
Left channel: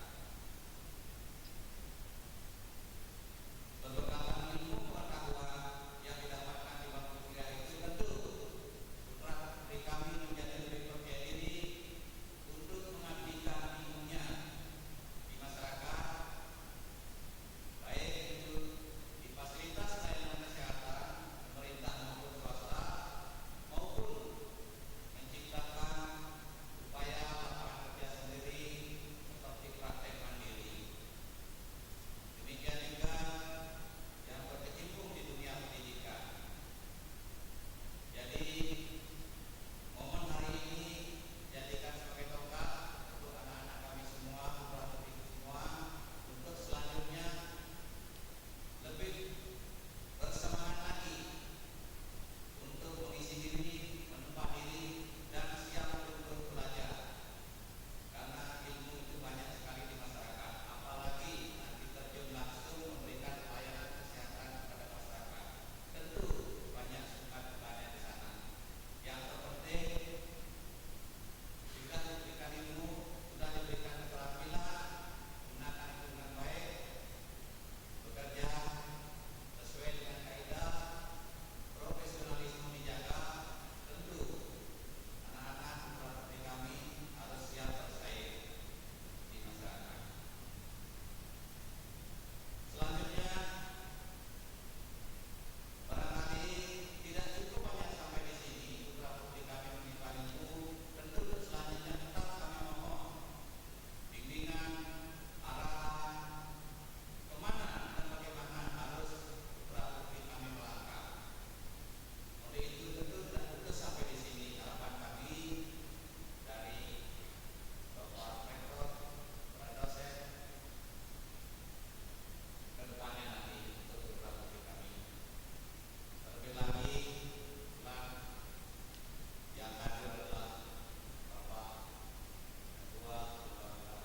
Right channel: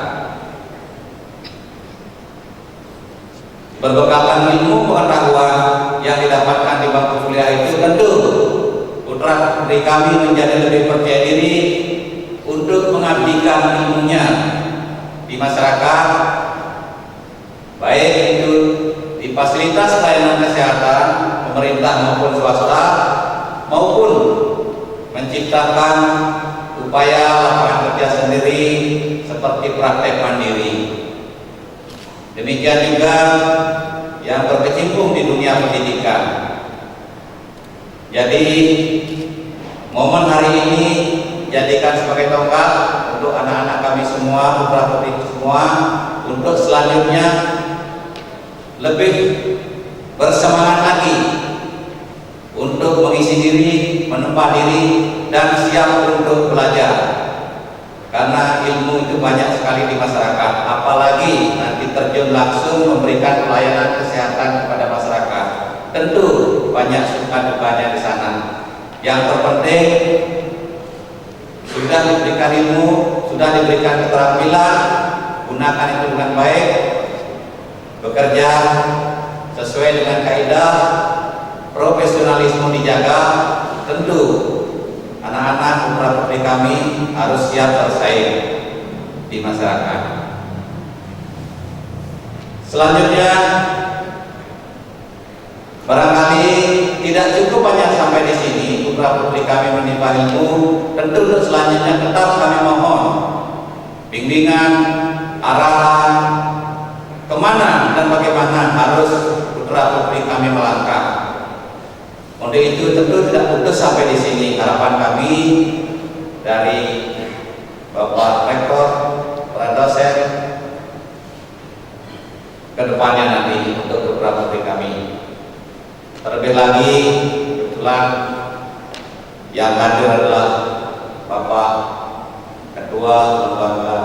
Berbekalkan ilmu pengetahuan yang didapatkan di bangku kuliah itu tentu putra putri kami menjadi lebih percaya diri untuk mengabdikan ilmunya di masyarakat, baik itu di fasilitas pelayanan kesehatan pemerintah maupun swasta, maupun menciptakan upaya lapangan kerja sendiri seperti praktek mandiri. Demikian juga yang berkecimpung di dunia pendidikan. Jadi momen hari ini jadikan sebagai tonggak untuk anak-anak kami semua, putra-putri semua, untuk selanjutnya lebih bersemangat lagi untuk mengisi diri, menempa diri, dan siap untuk belajar. Karena ilmu itu banyak sekali di masyarakat, apalagi nanti terjun langsung memberikan pelayanan kesehatan kepada masyarakat. Tentu banyak suka dukanya di sana. Yang terpenting sudah diberikan ilmu, sudah diberikan keterampilan, gunakan itu dengan baik, bekerja sesuai dengan kaidah, profesionalisme dijaga. Tentu anak-anak putra putri kami harus siap bersaing di masyarakat. Selanjutnya, barangkali tidak cukup hanya sampai di sini putra putri kami menimba ilmu. Tentu untuk selanjutnya tetap kami mohon bimbingan, arahan kemana dan bagaimana harus putra putri kami melangkah. Untuk itu tentu tidak putus sampai di sini. Harapan kami dari Bapak Rektor, para dosen, ke depannya nanti untuk putra putri kami. Terlebih lagi kebetulan yang hadir adalah Bapak Ketua Lembaga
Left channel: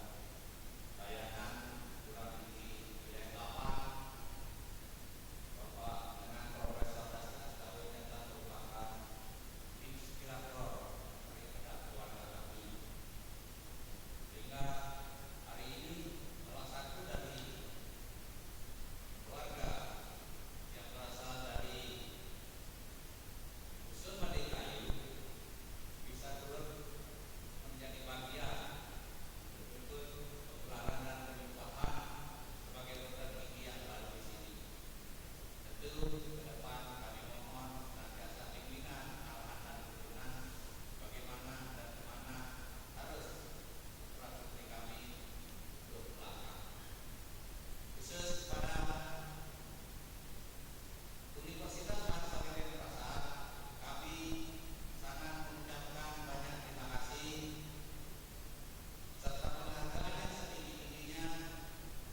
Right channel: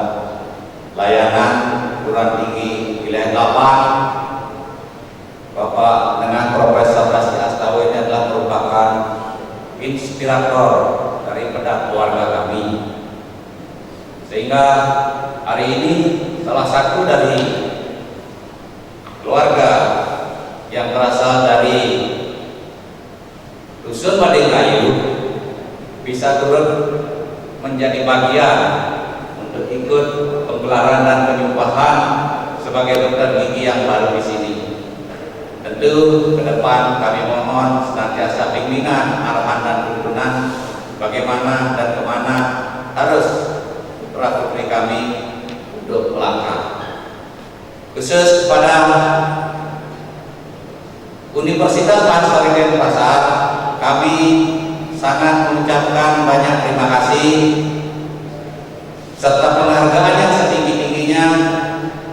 Layanan Perguruan Tinggi Wilayah 8, Bapak dengan Profesor Rasi Astawa ini adalah merupakan inspirator daripada keluarga kami. Sehingga hari ini salah satu dari keluarga yang berasal dari Dusun Madingrayu bisa turut menjadi bagian untuk ikut penggelaran dan penyumpahan sebagai dokter gigi yang baru di sini. Tentu ke depan kami mohon senantiasa bimbingan, arahan dan tuntunan bagaimana dan kemana harus putra putri kami untuk melangkah. Khusus kepada Universitas Mahasiswa Denpasar, kami sangat mengucapkan banyak terima kasih serta penghargaan yang setinggi-tingginya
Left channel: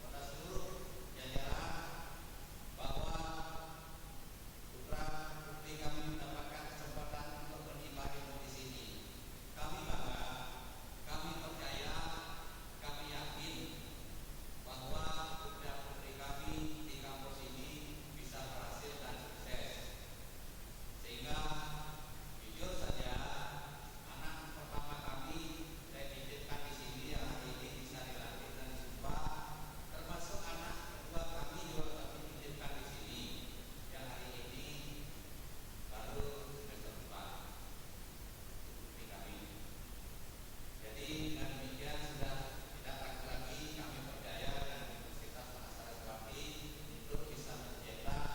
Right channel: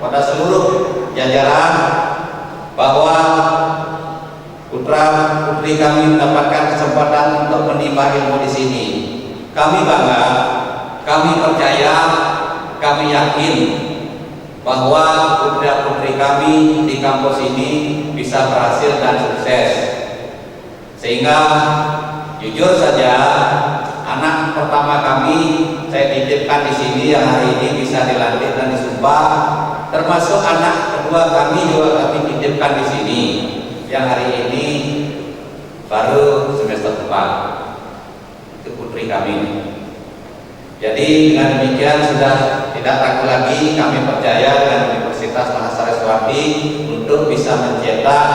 pada seluruh jajaran bahwa putra putri kami mendapatkan kesempatan untuk menimba ilmu di sini. Kami bangga, kami percaya, kami yakin bahwa putra putri kami di kampus ini bisa berhasil dan sukses. Sehingga jujur saja anak pertama kami saya titipkan di sini yang hari ini bisa dilantik dan disumpah, termasuk anak kedua kami juga kami titipkan di sini yang hari ini baru semester 4. Itu putri kami. Jadi dengan demikian sudah tidak ragu lagi kami percaya dengan Universitas Mahasiswa untuk bisa mencetak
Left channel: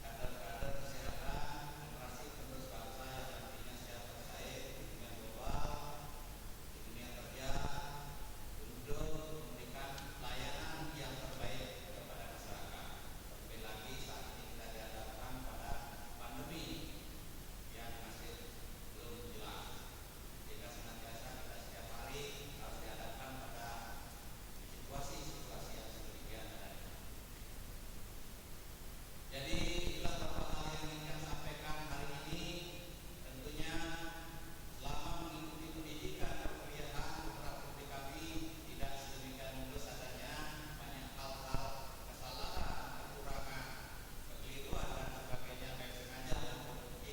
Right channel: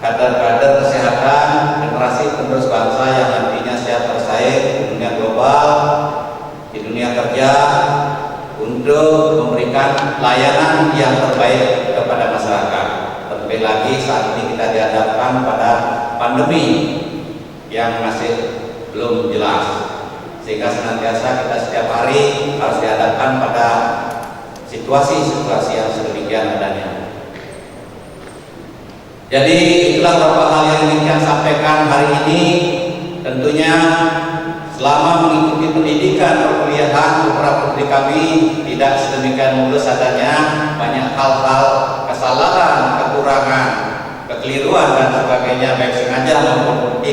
kader-kader kesehatan generasi penerus bangsa yang nantinya siap bersaing di dunia global, di dunia kerja untuk memberikan layanan yang terbaik kepada masyarakat. Terlebih lagi saat ini kita dihadapkan pada pandemi yang masih belum jelas, sehingga senantiasa kita setiap hari harus dihadapkan pada situasi-situasi yang sedemikian adanya. Jadi itulah beberapa hal yang ingin saya sampaikan hari ini. Tentunya selama mengikuti pendidikan perkuliahan putra putri kami tidak sedemikian mulus adanya, banyak hal-hal kesalahan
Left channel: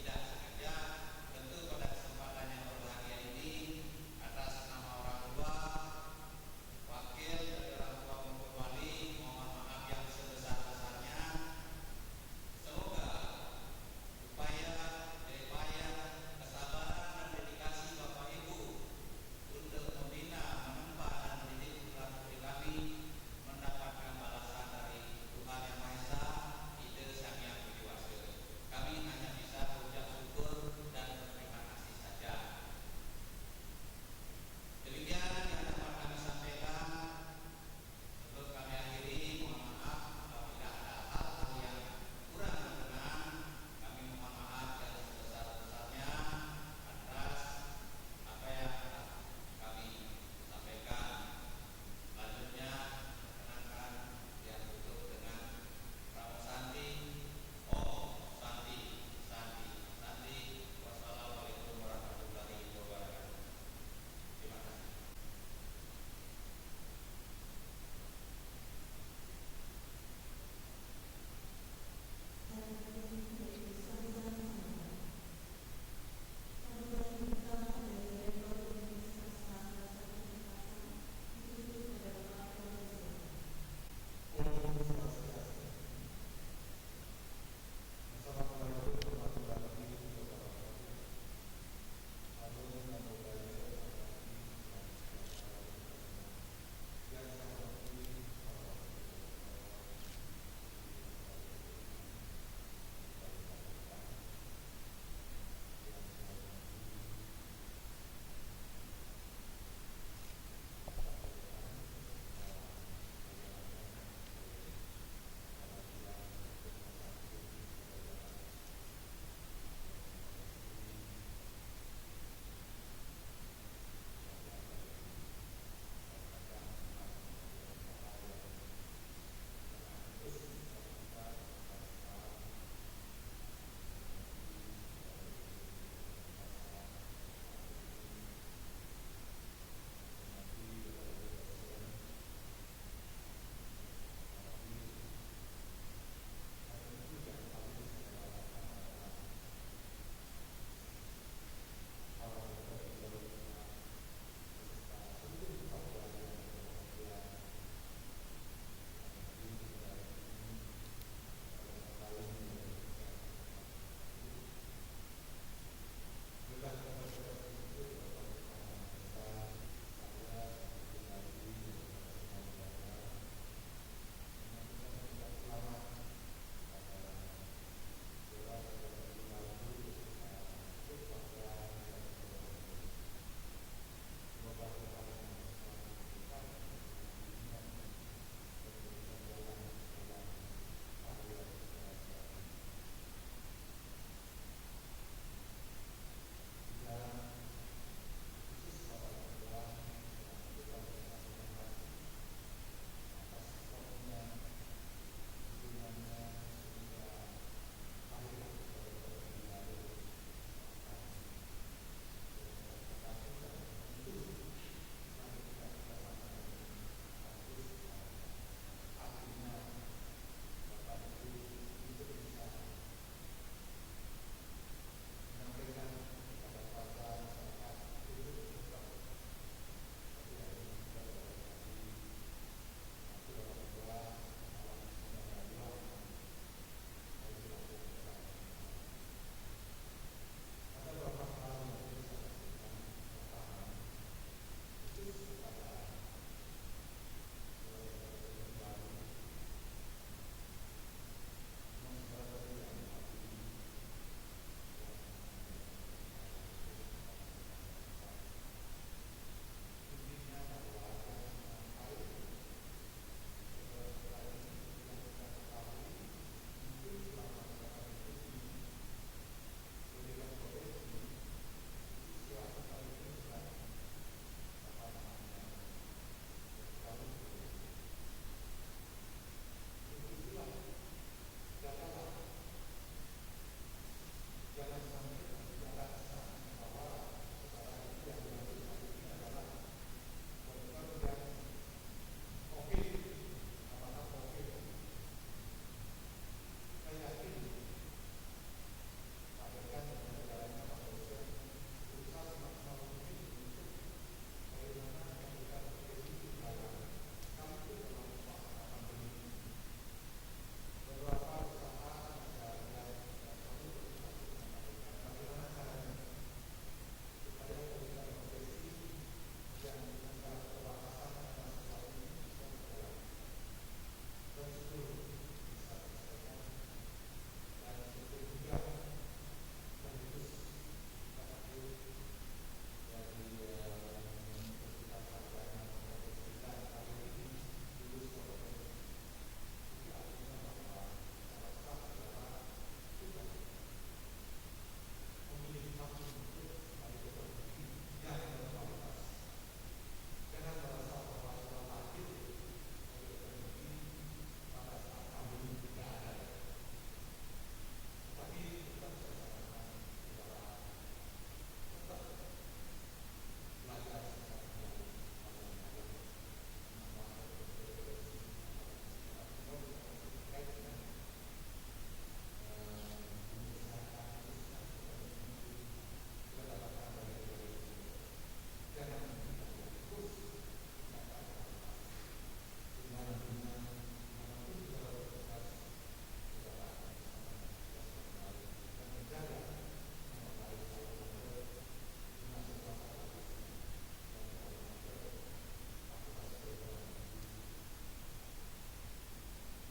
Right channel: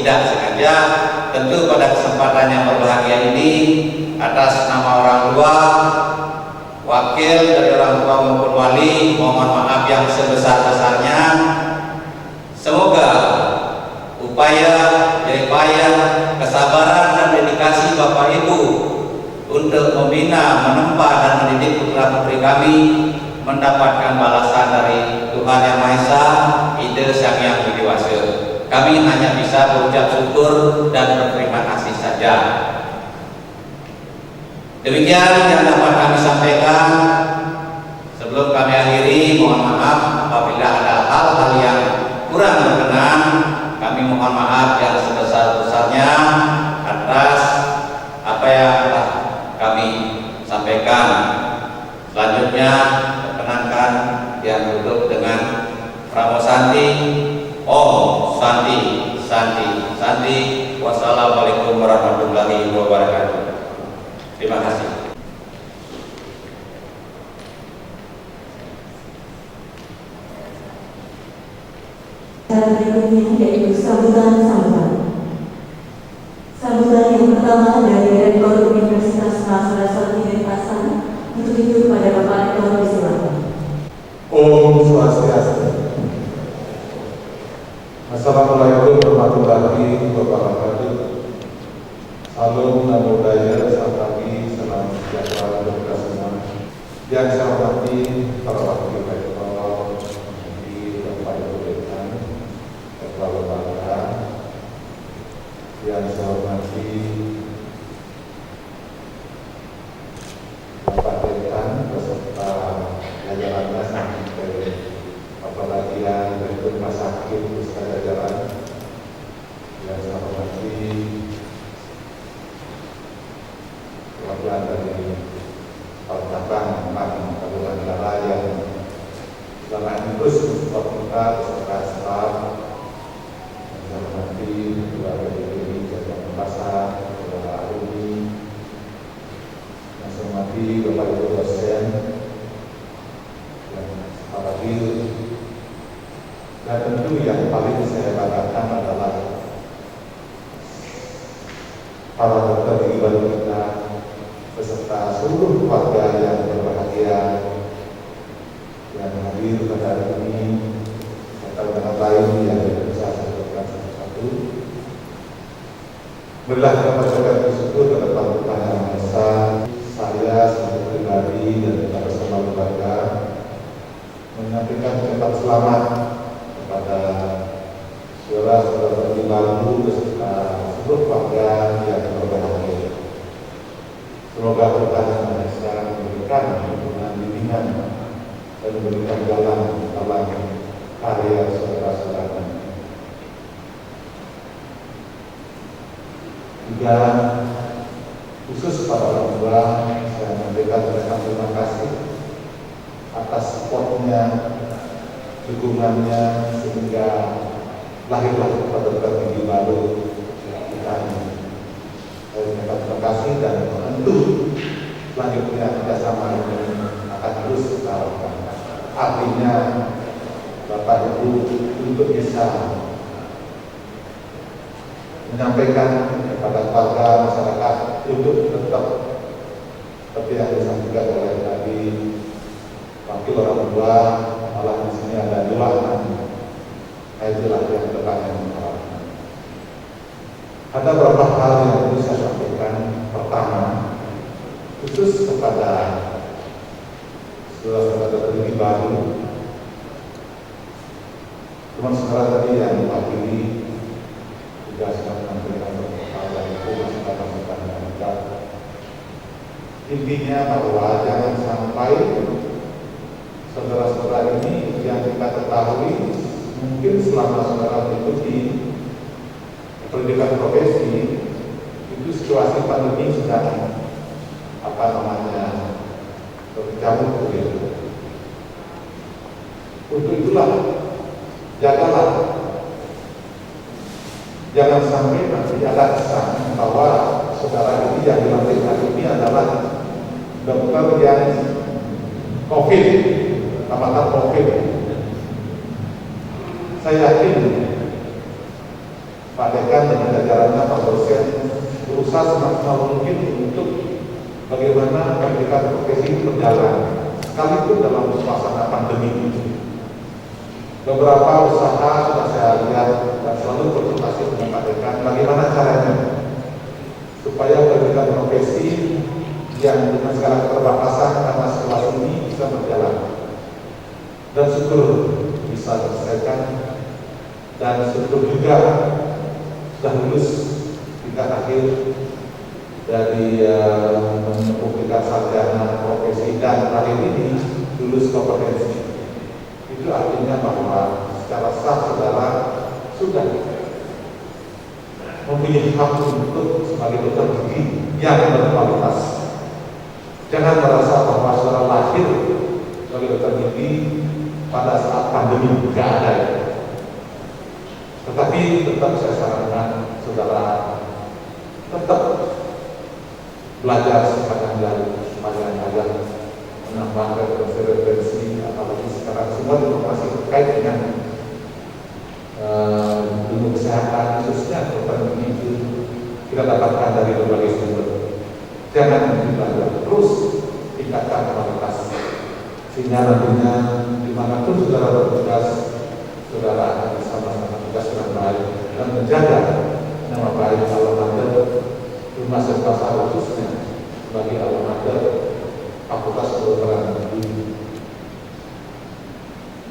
tidak sengaja. Tentu pada kesempatan yang berbahagia ini, atas nama orang tua, wakil dari orang tua maupun wali, mohon maaf yang sebesar-besarnya. Semoga upaya, jeripaya, kesabaran dan dedikasi Bapak Ibu untuk membina, menempa dan mendidik putra-putri kami mendapatkan balasan dari Tuhan Yang Maha Esa, Ide Sang Yang Widi Wase. Kami hanya bisa berucap syukur dan berterima kasih saja. Demikian yang dapat kami sampaikan. Sebelum kami akhiri, mohon maaf apabila ada hal-hal yang kurang berkenan. Kami mohon maaf yang sebesar-besarnya atas apa yang telah kami sampaikan. Selanjutnya, perkenankan yang duduk dengan Pramu Santi. Om Santi, Santi, Santi. Wassalamualaikum warahmatullahi wabarakatuh. Terima kasih. Cara berikutnya yaitu sambutan. Sambutan yang pertama dari Rektor Universitas Mahasiswa Sarjana Denpasar. Untuk itu pada Bapak Rektor disilakan. Om Swastiastu. Assalamualaikum warahmatullahi wabarakatuh. Salam namo buddhaya, selamat pagi, salam sejahtera untuk kita semua. Yang saya hormati para wakil rektor, di Bapak Ibu Dekan, Ketua Lembaga. Yang saya hormati Bapak Dekan beserta jajarannya sampai apalagi yang dari rumah sakit beserta jajaran. Yang saya hormati perwakilan dari Kabupaten Kabupaten Negara yang selama ini terus support kita beserta staf. Yang saya hormati keluarga DPI Jakarta Pasar, Saudara Aruni. Yang saya hormati Bapak Ibu dosen dan para guru. Dan tentu yang paling saya banggakan adalah para dokter di baru kita beserta seluruh keluarga yang berbahagia yang hadir pada hari ini, serta dengan lain yang bisa saya sebutkan satu-satu. Marilah kita panjatkan bersyukur kepada Tuhan Yang Maha Esa. Saya sebagai pribadi dan kita bersama keluarga menyampaikan ucapan selamat kepada saudara-saudara baru beserta seluruh keluarga yang berbahagia. Semoga Tuhan Yang Maha Esa memberikan dukungan bimbingan dan memberikan jalan dalam karya saudara-saudara. Juga khusus pada orang tua, saya menyampaikan terima kasih atas supportnya, dukungannya sehingga lahirlah dokter gigi baru kita ini. Saya menyampaikan terima kasih dan tentu selanjutnya kerjasama ini akan terus kita lakukan. Artinya Bapak Ibu untuk bisa menyampaikan kepada keluarga masyarakat untuk tetap seperti yang disampaikan oleh tadi wakil orang tua, malah di sini ada dua anak. Itulah yang depan yang mengharapkan. Ada beberapa hal yang perlu saya sampaikan. Pertama, khusus kepada saudara-saudara ini baru, teman-teman tadi yang mewakili juga sudah menyampaikan hal yang itu masih dalam kita. Intinya bahwa jangan sampai saudara-saudara ini yang kita ketahui mungkin selama saudara mengikuti pendidikan profesi itu situasi pandemi sedang berkecamuk begitu. Untuk itulah jagalah, jangan sampai nanti ada kesan bahwa saudara ini yang dilantik hari ini adalah dokter yang COVID, tamatan COVID. Saya yakin Pak Pak Dekan dan jajarannya, Pak dosen berusaha semaksimal mungkin untuk bagaimana pendidikan profesi ini berjalan, sekalipun dalam suasana pandemi ini. Beberapa usaha sudah saya lihat dan selalu berkonsultasi dengan Pak Dekan bagaimana caranya supaya pendidikan profesi yang dengan segala keterbatasan karena situasi ini bisa berjalan. Dan syukur bisa diselesaikan, dan syukur juga sudah lulus tingkat akhir dari menempuh sarjana profesi dan terakhir ini lulus kompetensi. Itu artinya bahwa secara sah saudara sudah mempunyai hak untuk sebagai dokter gigi yang berkualitas. Jangan merasa bahwa saudara lahir sebagai dokter gigi pada saat pandemi, tidak ada. Tetapi tetap saya sarankan saudara tetap belajar sepanjang ajar, menambah referensi, apalagi sekarang semua informasi terkait dengan ilmu kesehatan, khususnya dokter gigi kita dapatkan dari berbagai sumber. Jangan belajar, terus tingkatkan kualitas, sehingga nantinya dimanapun saudara bertugas, saudara akan bisa melaksanakan tugas dengan baik dan menjaga nama baik alma-mater Rumah Sakit Pasar, khususnya sebagai alma-mater Fakultas Kedokteran Gigi.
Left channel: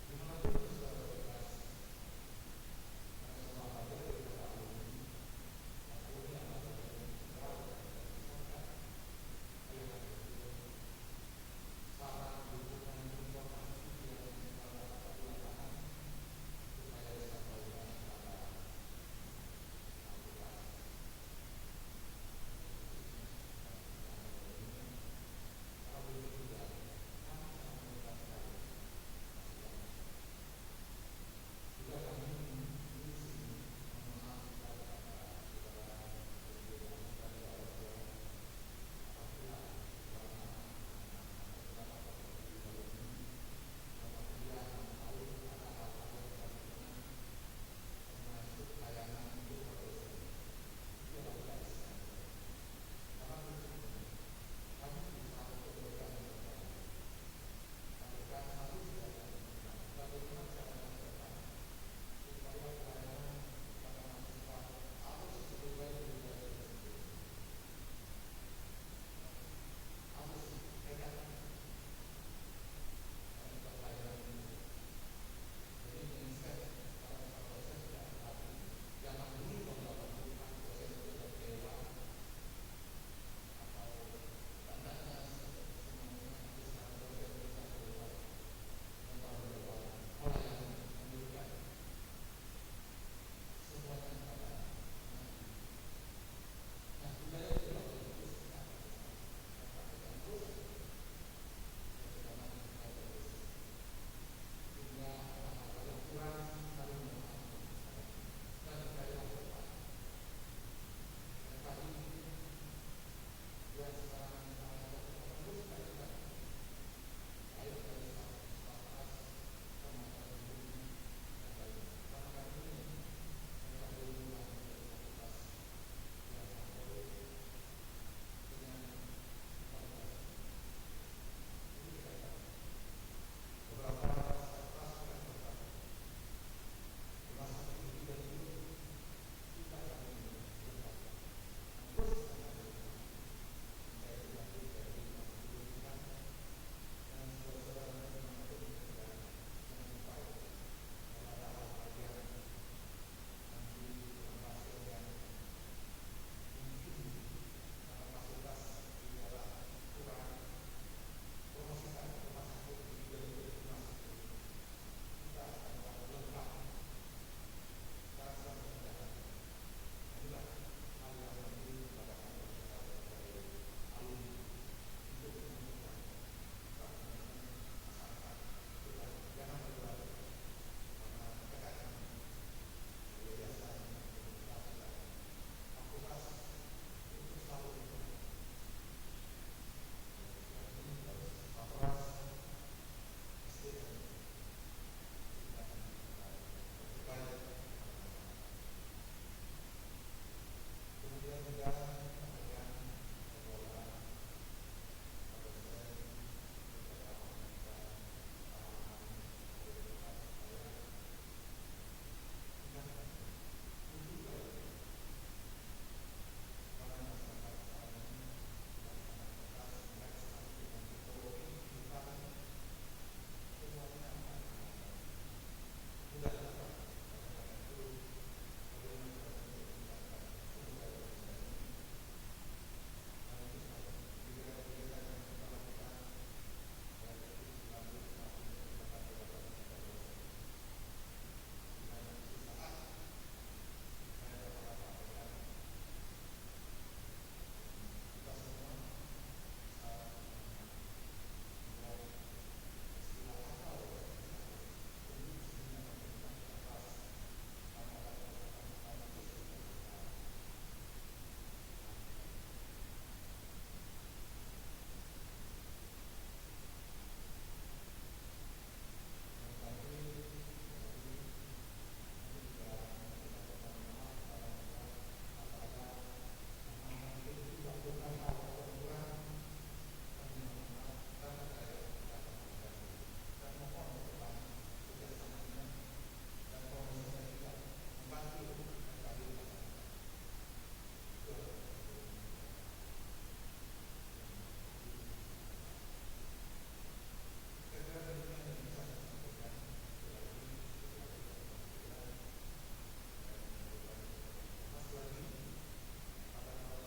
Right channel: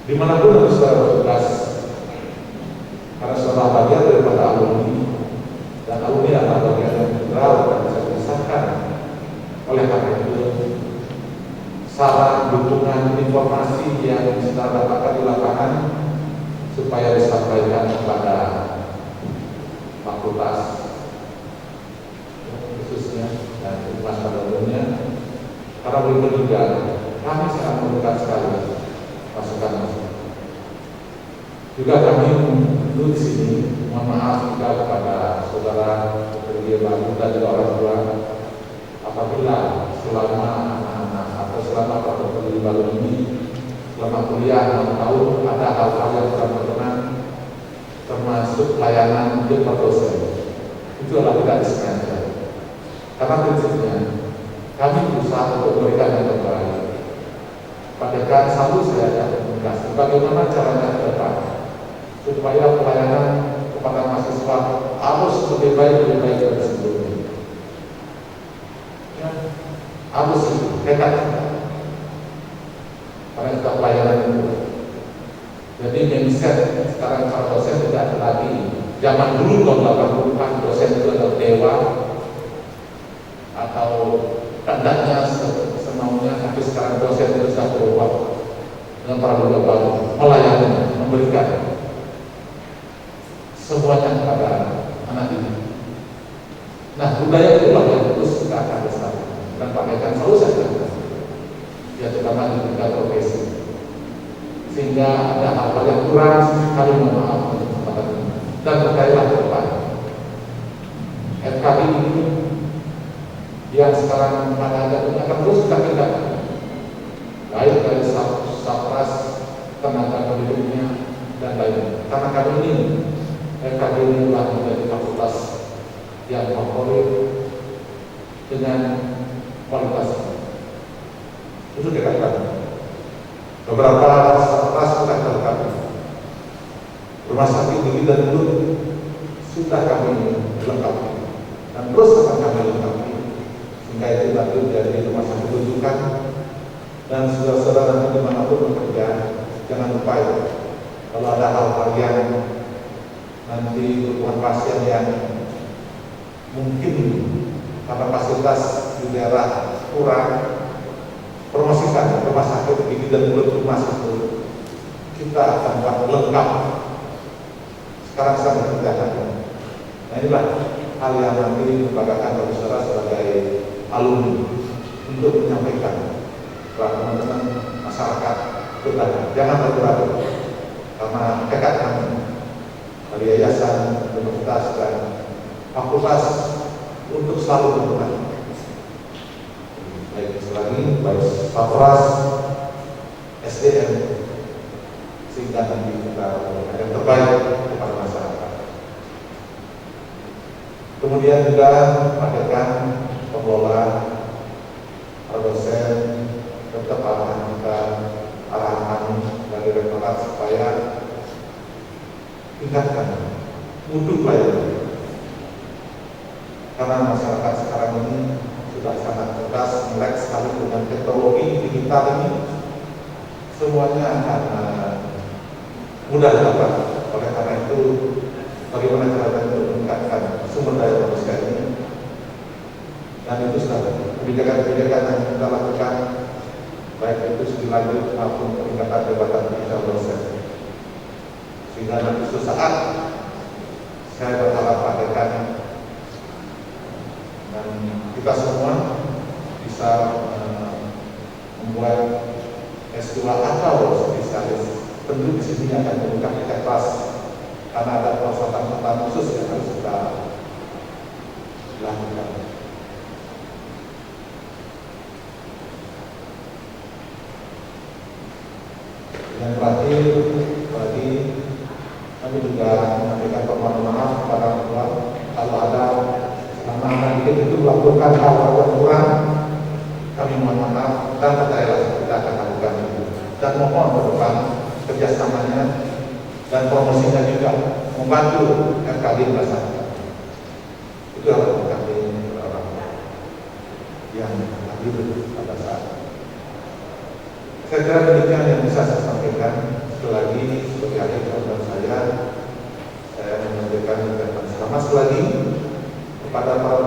Dimanapun nanti saudara bertugas, karena saudara bagian daripada alumni, dan alumni adalah bagian yang integral dan bisa dipisahkan. Oleh karena itu, saran, dukungan, informasi yang saudara dapatkan di lapangan supaya disampaikan kepada fakultas khususnya dan humas pada umumnya. Karena begitu juga kami sangat membutuhkan sekali masukan. Juga kami dulu di sini mohon maaf juga kepada saudara pekerja baru dan juga orang tua, apabila selama anak-anak atau selama pekerja baru ini selama kuliah 6 tahun ada hal-hal yang kurang berkenan, termasuk layanan untuk dosen, itu adalah tidak disengaja. Karena prinsipnya kami berusaha untuk memberikan yang terbaik. Pak Dekan selalu saya ajak komunikasi bagaimana caranya ke depan supaya pelayanan kepada mahasiswa harus lebih baik dari sebelumnya. Ya, harus dekat karena kita pelayanan itu. Jadi mindset sekarang para dosen tidak ada lagi. Zaman dulu tahun 80-an dosen itu adalah dewa atau tandanya semaunya, tapi sekarang dosen itu sudah berubah dengan paradigma baru, melayani, memberikan semuanya kepada anak ini. Nah, budaya itulah yang terus kita akan lestarikan dan pakaikan selalu saja, ya terutama di tingkat profesi. Sehingga ada hal-hal yang kurang, kami mohon maaf untuk kesempatan ini dan berkailah ke depan. FKI ini yang sekarang mana ada akan terus kita tingkatkan, baik dari Sapras, tenaga pendidiknya dan lainnya. Karena kami ini FKI ini telah menjadi fakultas yang favorit dengan kualitas. Itu dekat kami. Beberapa Sapras sudah terlengkapi. Rumah sakit gigi dan mulut sudah kami lengkapi dan terus akan kami lengkapi. Hingga itu nanti menjadi rumah sakit rujukan, dan saudara-saudara nanti dimanapun bekerja, jangan lupa ya, kalau ada hal-hal yang nanti kebutuhan pasien yang mungkin karena fasilitas di daerah kurang, promosikan rumah sakit gigi dan mulut rumah sakit kita akan buat lengkap. Sekarang sedang dikerjakan. Nah, inilah hal yang nanti dibanggakan oleh saudara sebagai alumni untuk menyampaikan kepada teman-teman masyarakat kita. Jangan ragu-ragu, karena tekad kami dari yayasan, universitas dan fakultas untuk selalu berperan. Baik selagi baik Sapras, SDM, sehingga nanti kita yang terbaik kepada masyarakat. Kemudian juga pastikan pengelola, dosen, tetap arahan dari rektorat supaya tingkatkan mutu pelayanan. Karena masyarakat sekarang ini sudah sangat cerdas, melek sekali dengan teknologi digital ini, semuanya akan mudah didapat. Oleh karena itu, bagaimana cara untuk meningkatkan sumber daya manusia ini? Dan itu sudah kebijakan-kebijakan yang kita lakukan, baik itu studi lanjut maupun peningkatan jabatan ofisial dosen. Sehingga nanti suatu saat saya berharap pastikan dan kita semua bisa membuat S2 atau spesialis. Tentu di sini akan membuka tiket kelas karena ada persyaratan khusus yang harus kita lakukan. Yang terakhir, tadi kami juga menyampaikan permohonan maaf kepada orang tua kalau ada anak-anak didik itu melakukan hal yang kurang, kami mohon maaf dan percayalah kita akan lakukan itu. Dan mohon ke depan kerjasamanya dan promosinya juga membantu FKD masyarakat. Itu yang kami orang yang hadir pada saat. Saya kira demikian yang bisa saya sampaikan. Sekali lagi sebagai akhir program saya menyampaikan ucapan selamat sekali lagi kepada para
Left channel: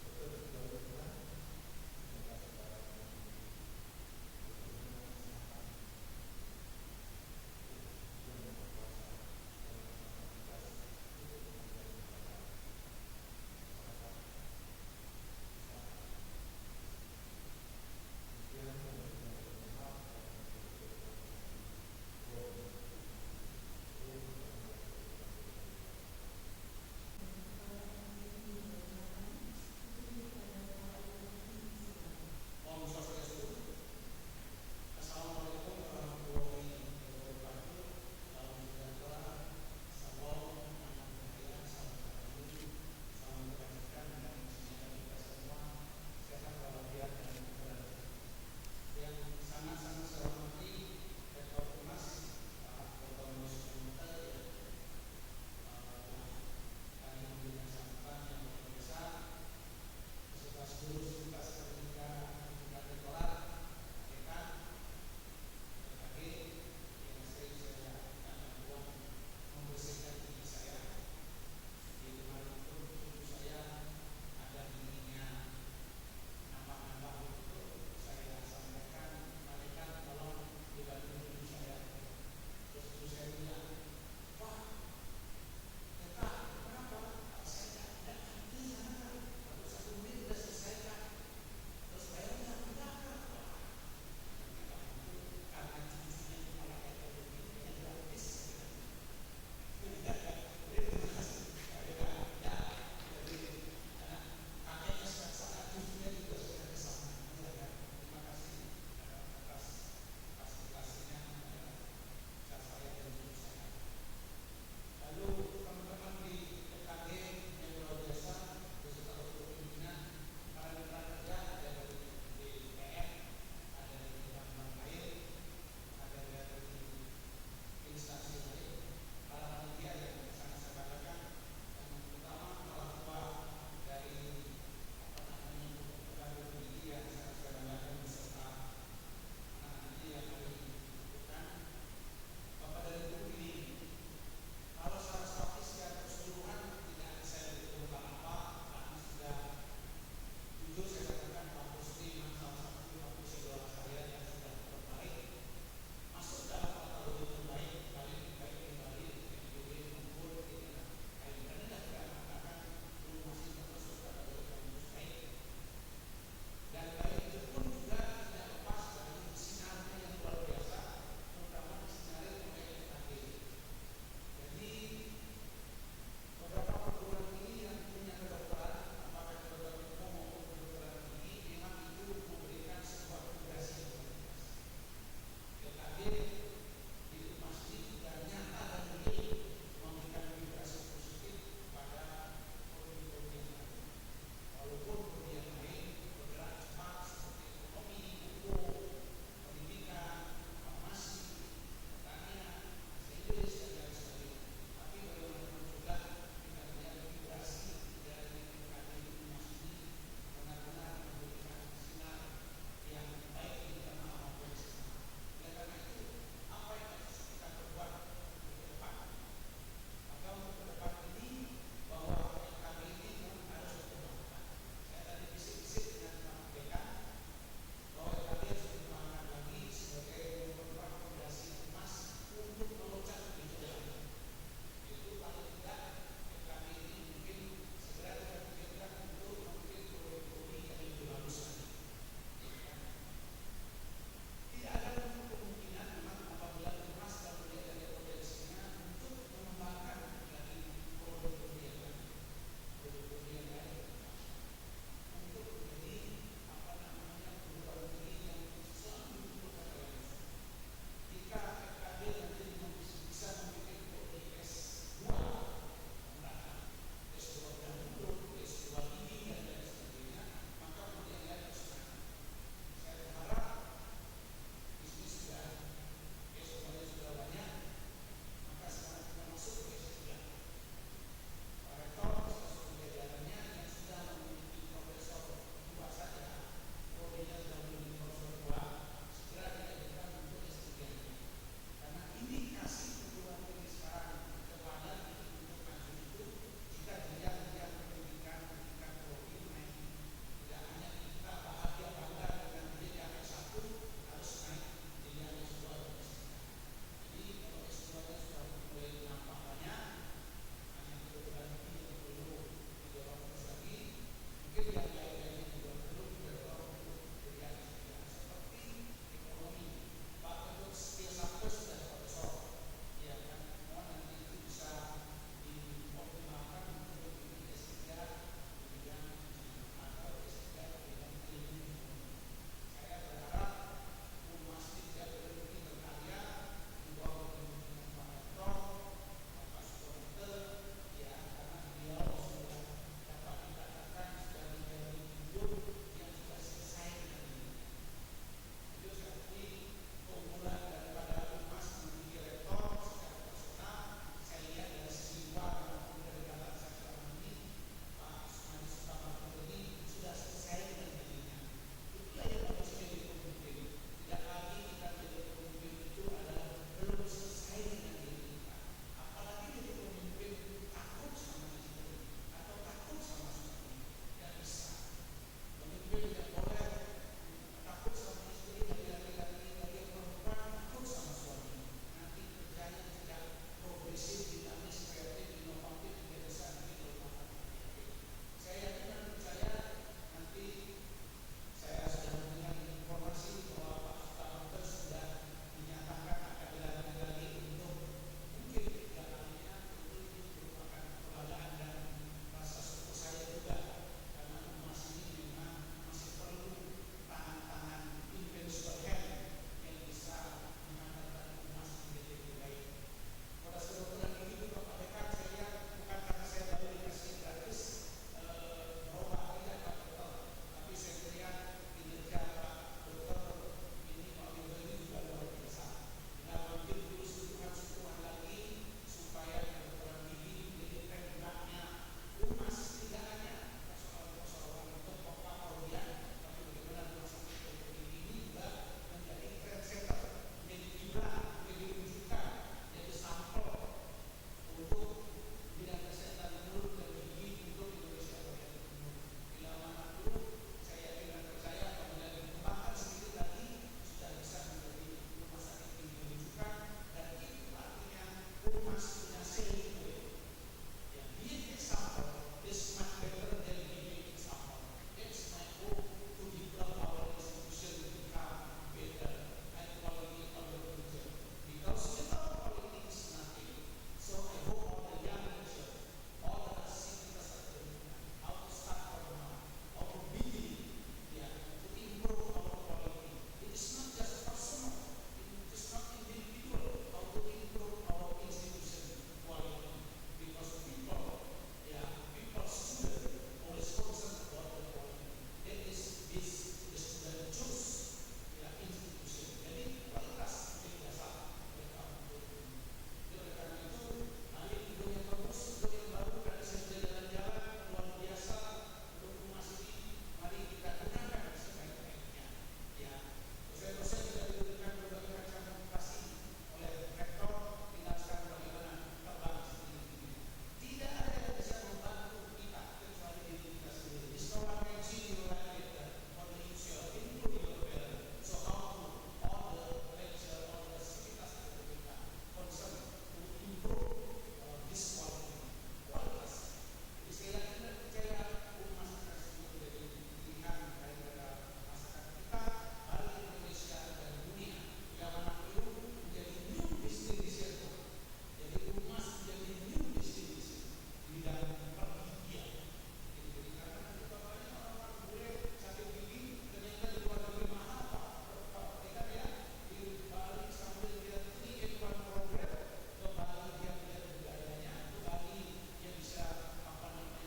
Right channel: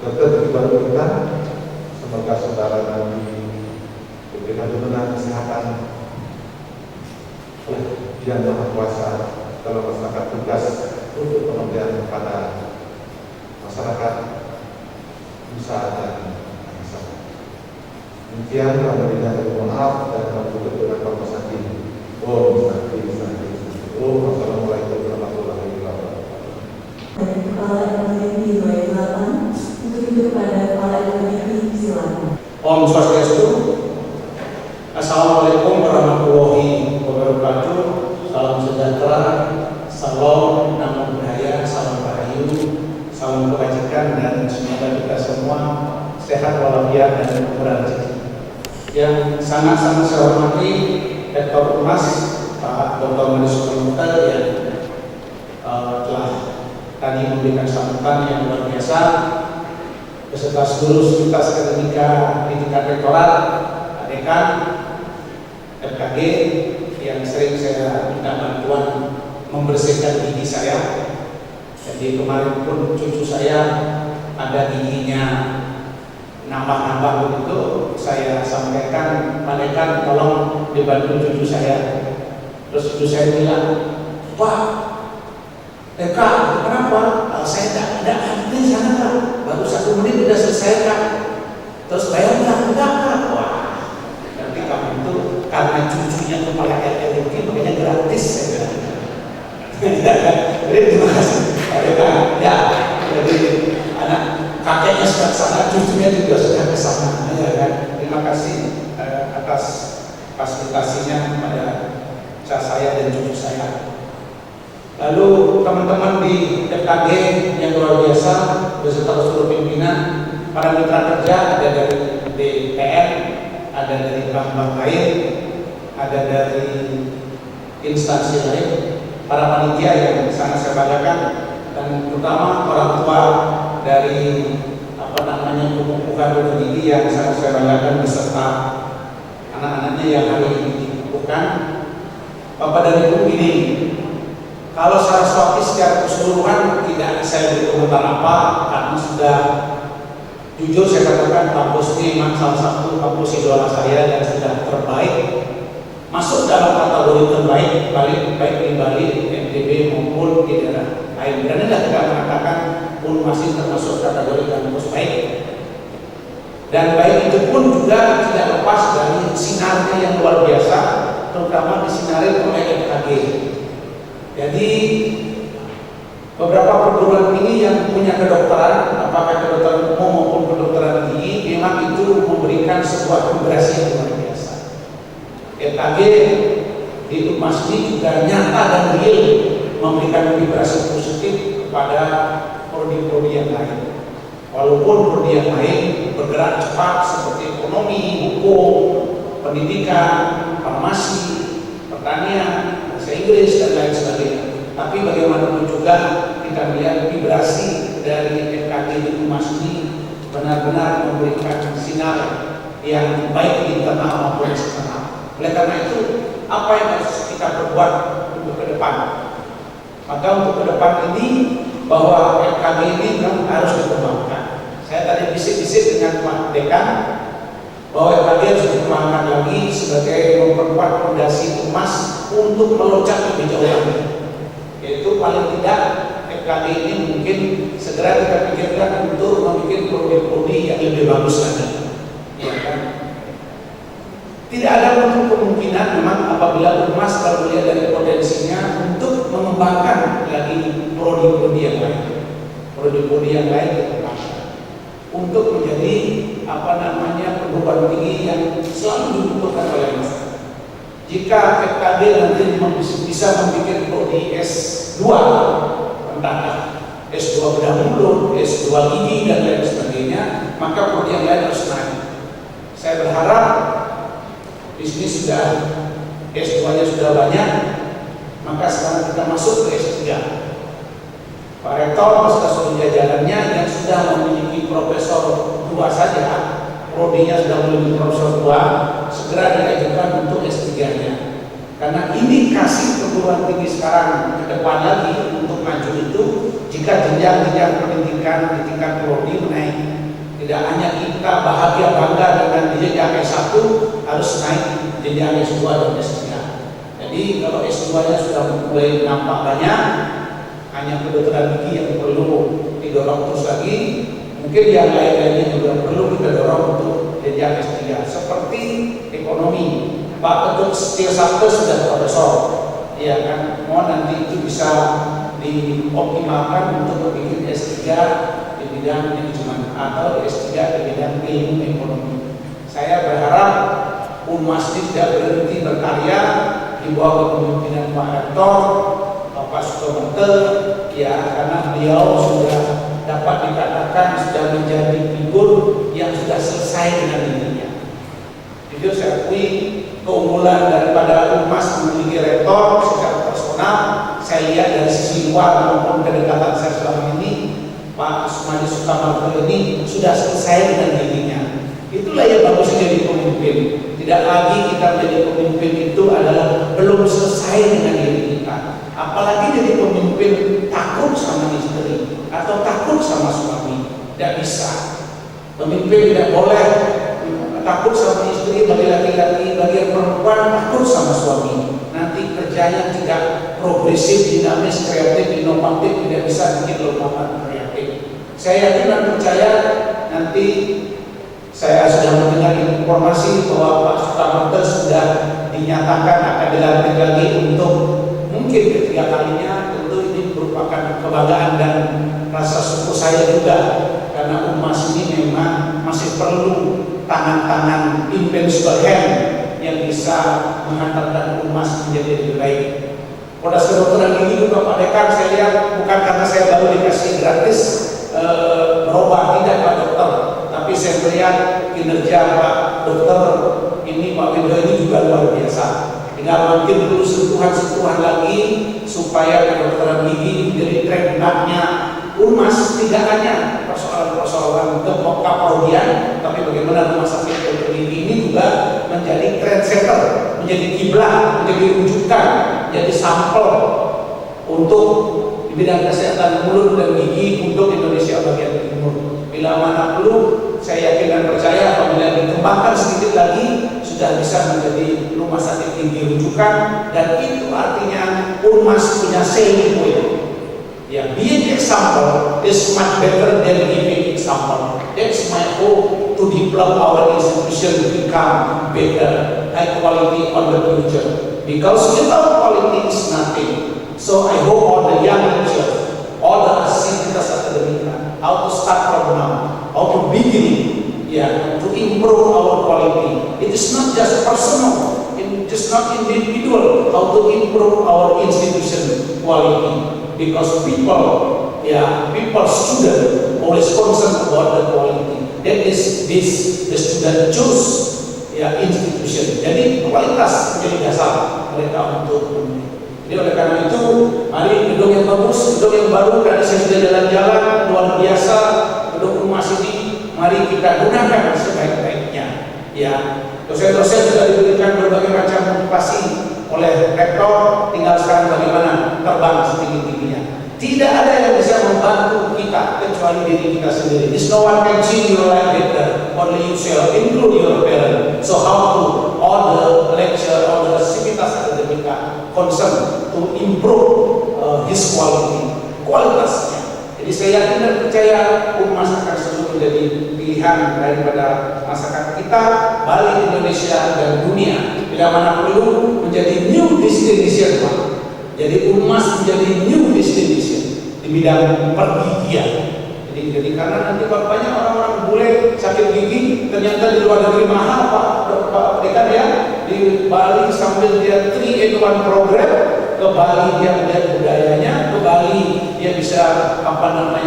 dokter baru kita. Semoga saudara nanti diberikan kemenangan kesehatan oleh Yang Maha Kuasa dalam melaksanakan tugas untuk pengabdian kepada masyarakat, nusa dan bangsa. Demikian alhamdulillah, mohon maaf dan menutup dengan pembahasan ini. Wassalamualaikum warahmatullahi wabarakatuh. Kepala Akademi 28 untuk itu kepada Kepala Akademi silakan. Om Swastiastu. Assalamualaikum warahmatullahi wabarakatuh. Salam sejahtera, salam namo buddhaya, salam rahayu, salam kebajikan, dan semoga kita semua sehat walafiat dan murah rezeki. Yang sangat-sangat saya hormati Rektor Umas Pak Dr. Manis Mukhtar yang telah tadi memberikan sambutan yang luar biasa beserta seluruh sivitas akademika di tingkat rektorat, dekan, FKG yang sering saya minta bantuan membersihkan gigi saya. Jadi kemarin pun cucu saya ada giginya nambah-nambah begitu, saya sampaikan, Pak Dekan tolong dibantu cucu saya. Terus cucu saya bilang, Pak Dekan, kenapa? Saya tidak ada sana Pak, baru 1 menit sudah selesai Kak. Terus bayar enggak Kak? Wah, nanti kamu itu karena cucunya kepala LLG makanya gratis saya bilang. Jadi terima kasih Pak Dekan. Ya, jadi anak kakeknya sudah kesana, cucunya juga sudah kesana, ya kan? Terima kasih atas fasilitasinya kepada saya dan cucu saya. Lalu teman-teman di FKG yang luar biasa beserta seluruh pimpinan, para mitra kerja, ada dari DPR, ada dari bank-bank lain, ada dari instansi lain, para panitia yang sangat saya banggakan, dan terutama orang tua dari bukan pendidik yang sangat saya banggakan beserta anak-anaknya yang hari ini dikukuhkan. Bapak dan Ibu, ini kalau Saraswati secara keseluruhan tidak saya beri komentar apa, karena sudah jujur saya katakan kampus ini memang salah satu kampus idola saya dan sudah terbaik, masuk dalam kategori terbaik baik di Bali, NTB maupun di daerah lain. Dan tidak kita mengatakan pun masih termasuk kategori kampus baik. Dan baik itu pun juga tidak lepas dari sinarnya yang luar biasa, terutama disinari oleh FKG. Jadi beberapa perguruan tinggi yang punya kedokteran, apakah kedokteran umum maupun kedokteran tinggi, memang itu memberikan sebuah vibrasi yang luar biasa. FKG di Umas ini juga nyata dan real memberikan vibrasi positif kepada prodi-prodi yang lain. Walaupun prodi yang lain bergerak cepat seperti ekonomi, hukum, pendidikan, farmasi, pertanian, bahasa Inggris dan lain sebagainya. Tapi bagaimanapun juga kita melihat vibrasi dari FKG di Humas ini benar-benar memberikan sinar yang baik di internal maupun eksternal. Oleh karena itu, apa yang harus kita perbuat untuk ke depan? Maka untuk ke depan ini bahwa FKG ini memang harus dikembangkan. Saya tadi bisik-bisik dengan Pak Dekan bahwa FKG harus dikembangkan lagi sebagai memperkuat fondasi Humas untuk meloncat lebih jauh lagi. Yaitu paling tidak FKG ini mungkin segera kita pikirkan untuk membuat prodi-prodi yang lebih bagus lagi. Ya kan? Tidak ada untuk kemungkinan memang apabila Humas kalau melihat dari potensinya untuk mengembangkan lagi prodi-prodi yang lain. Prodi-prodi yang lain dikembangkan untuk menjadi perguruan tinggi yang selalu dibutuhkan oleh masyarakat. Jika FKB nanti bisa membuat prodi S2 entah S2 bedah mulut, S2 gigi dan lain sebagainya, maka prodi yang lain harus naik. Saya berharap di sini sudah S2-nya sudah banyak, maka sekarang kita masuk ke S3. Pak Rektor beserta seluruh jajarannya yang sudah memiliki profesor 2 saja, prodinya sudah memiliki profesor 2, segera diajukan untuk S3-nya. Karena indikasi perguruan tinggi sekarang ke depan lagi untuk maju itu jika jenjang-jenjang pendidikan di tingkat prodi menaik. Tidak hanya kita bahagia bangga dengan jenjang S1, harus naik jenjang S2 dan S3. Jadi kalau S2-nya sudah mulai nampak banyak, hanya kedokteran gigi yang perlu didorong terus lagi, mungkin yang lain-lainnya juga perlu kita dorong untuk jenjang S3. Seperti ekonomi, Pak Ketut Setia Sabto sudah profesor, ya kan? Mohon nanti itu bisa dioptimalkan untuk membuat S3 di bidang manajemen atau S3 di bidang ilmu ekonomi. Saya berharap Humas ini tidak berhenti berkarya di bawah kepemimpinan Pak Rektor, Bapak Sukamante, ya karena beliau sudah dapat dikatakan sudah menjadi figur yang sudah selesai dengan dirinya. Jujur saya akui keunggulan daripada Humas memiliki rektor secara personal, saya lihat dari sisi luar maupun kedekatan saya selama ini, Pak Asmadi Sukamante ini sudah selesai dengan dirinya. Itulah yang bagus jadi pemimpin. Tidak lagi kita menjadi pemimpin itu adalah belum selesai dengan diri kita. Apalagi jadi pemimpin takut sama istri atau takut sama suami. Tidak bisa. Pemimpin tidak boleh takut sama istri bagi laki-laki, bagi yang perempuan takut sama suami. Nanti kerjanya tidak progresif, dinamis, kreatif, inovatif, tidak bisa bikin lompatan kreatif. Saya yakin dan percaya nanti saya sudah mendengar informasi bahwa Pak Sukamante sudah dinyatakan akan dilantik lagi untuk mungkin ketiga kalinya. Tentu ini merupakan kebanggaan dan rasa syukur saya juga karena Humas ini memang masih perlu tangan-tangan invincible hand yang bisa menghantarkan Humas menjadi lebih baik. Pada kedokteran gigi juga Pak Dekan saya lihat bukan karena saya baru dikasih gratis berobat, tidak Pak Dokter, tapi saya melihat kinerja Pak Dokter ini, Pak Windo ini juga luar biasa. Tinggal mungkin perlu sentuhan-sentuhan lagi supaya kedokteran gigi menjadi trademarknya Humas, tidak hanya persoalan-persoalan keprodian, tapi bagaimana rumah sakit dokter gigi ini juga menjadi trendsetter, menjadi kiblat, menjadi rujukan, menjadi sampel untuk di bidang kesehatan mulut dan gigi untuk Indonesia bagian timur. Bila mana perlu, saya yakin dan percaya apabila dikembangkan sedikit lagi sudah bisa menjadi rumah sakit gigi rujukan, dan itu artinya Humas punya selling point. Ya, being example is much better than giving example. That's my hope to develop our institution to become better, high quality on the future. Because without quality is nothing. So I hope all the young lecturers, all the Asivitas Academia, how to start from now, how to begin, to improve our quality. It is not just personal, it is not individual, how to improve our institution quality. Because people people, student always concerned about the quality. That is the student choose institution. Jadi kualitas menjadi dasar mereka untuk memilih. Jadi oleh karena itu, mari gedung yang bagus, gedung yang baru, tadi saya sudah jalan-jalan luar biasa, gedung rumah ini, mari kita gunakan sebaik-baiknya. Ya, dosen-dosen sudah diberikan berbagai macam motivasi oleh rektor, tinggal sekarang bagaimana terbang setinggi-tingginya. Tidak ada yang bisa membantu kita kecuali diri kita sendiri. This no one can change your life better, only yourself, include your parents. So how to all the lecture, all the aktivitas akademika concern to improve his quality, kualitasnya. Jadi saya yakin dan percaya Unmas akan selalu menjadi pilihan daripada masyarakat kita, Bali, Indonesia dan dunia. Bila mana perlu menjadi new destination, Pak. Jadi Unmas menjadi new destination di bidang pergigian. Jadi karena nanti bapaknya orang-orang bule sakit gigi, ternyata di luar negeri mahal Pak Dekan ya. Di Bali sambil dia 3-in-1 program, ke Bali dia melihat budayanya, ke Bali dia bisa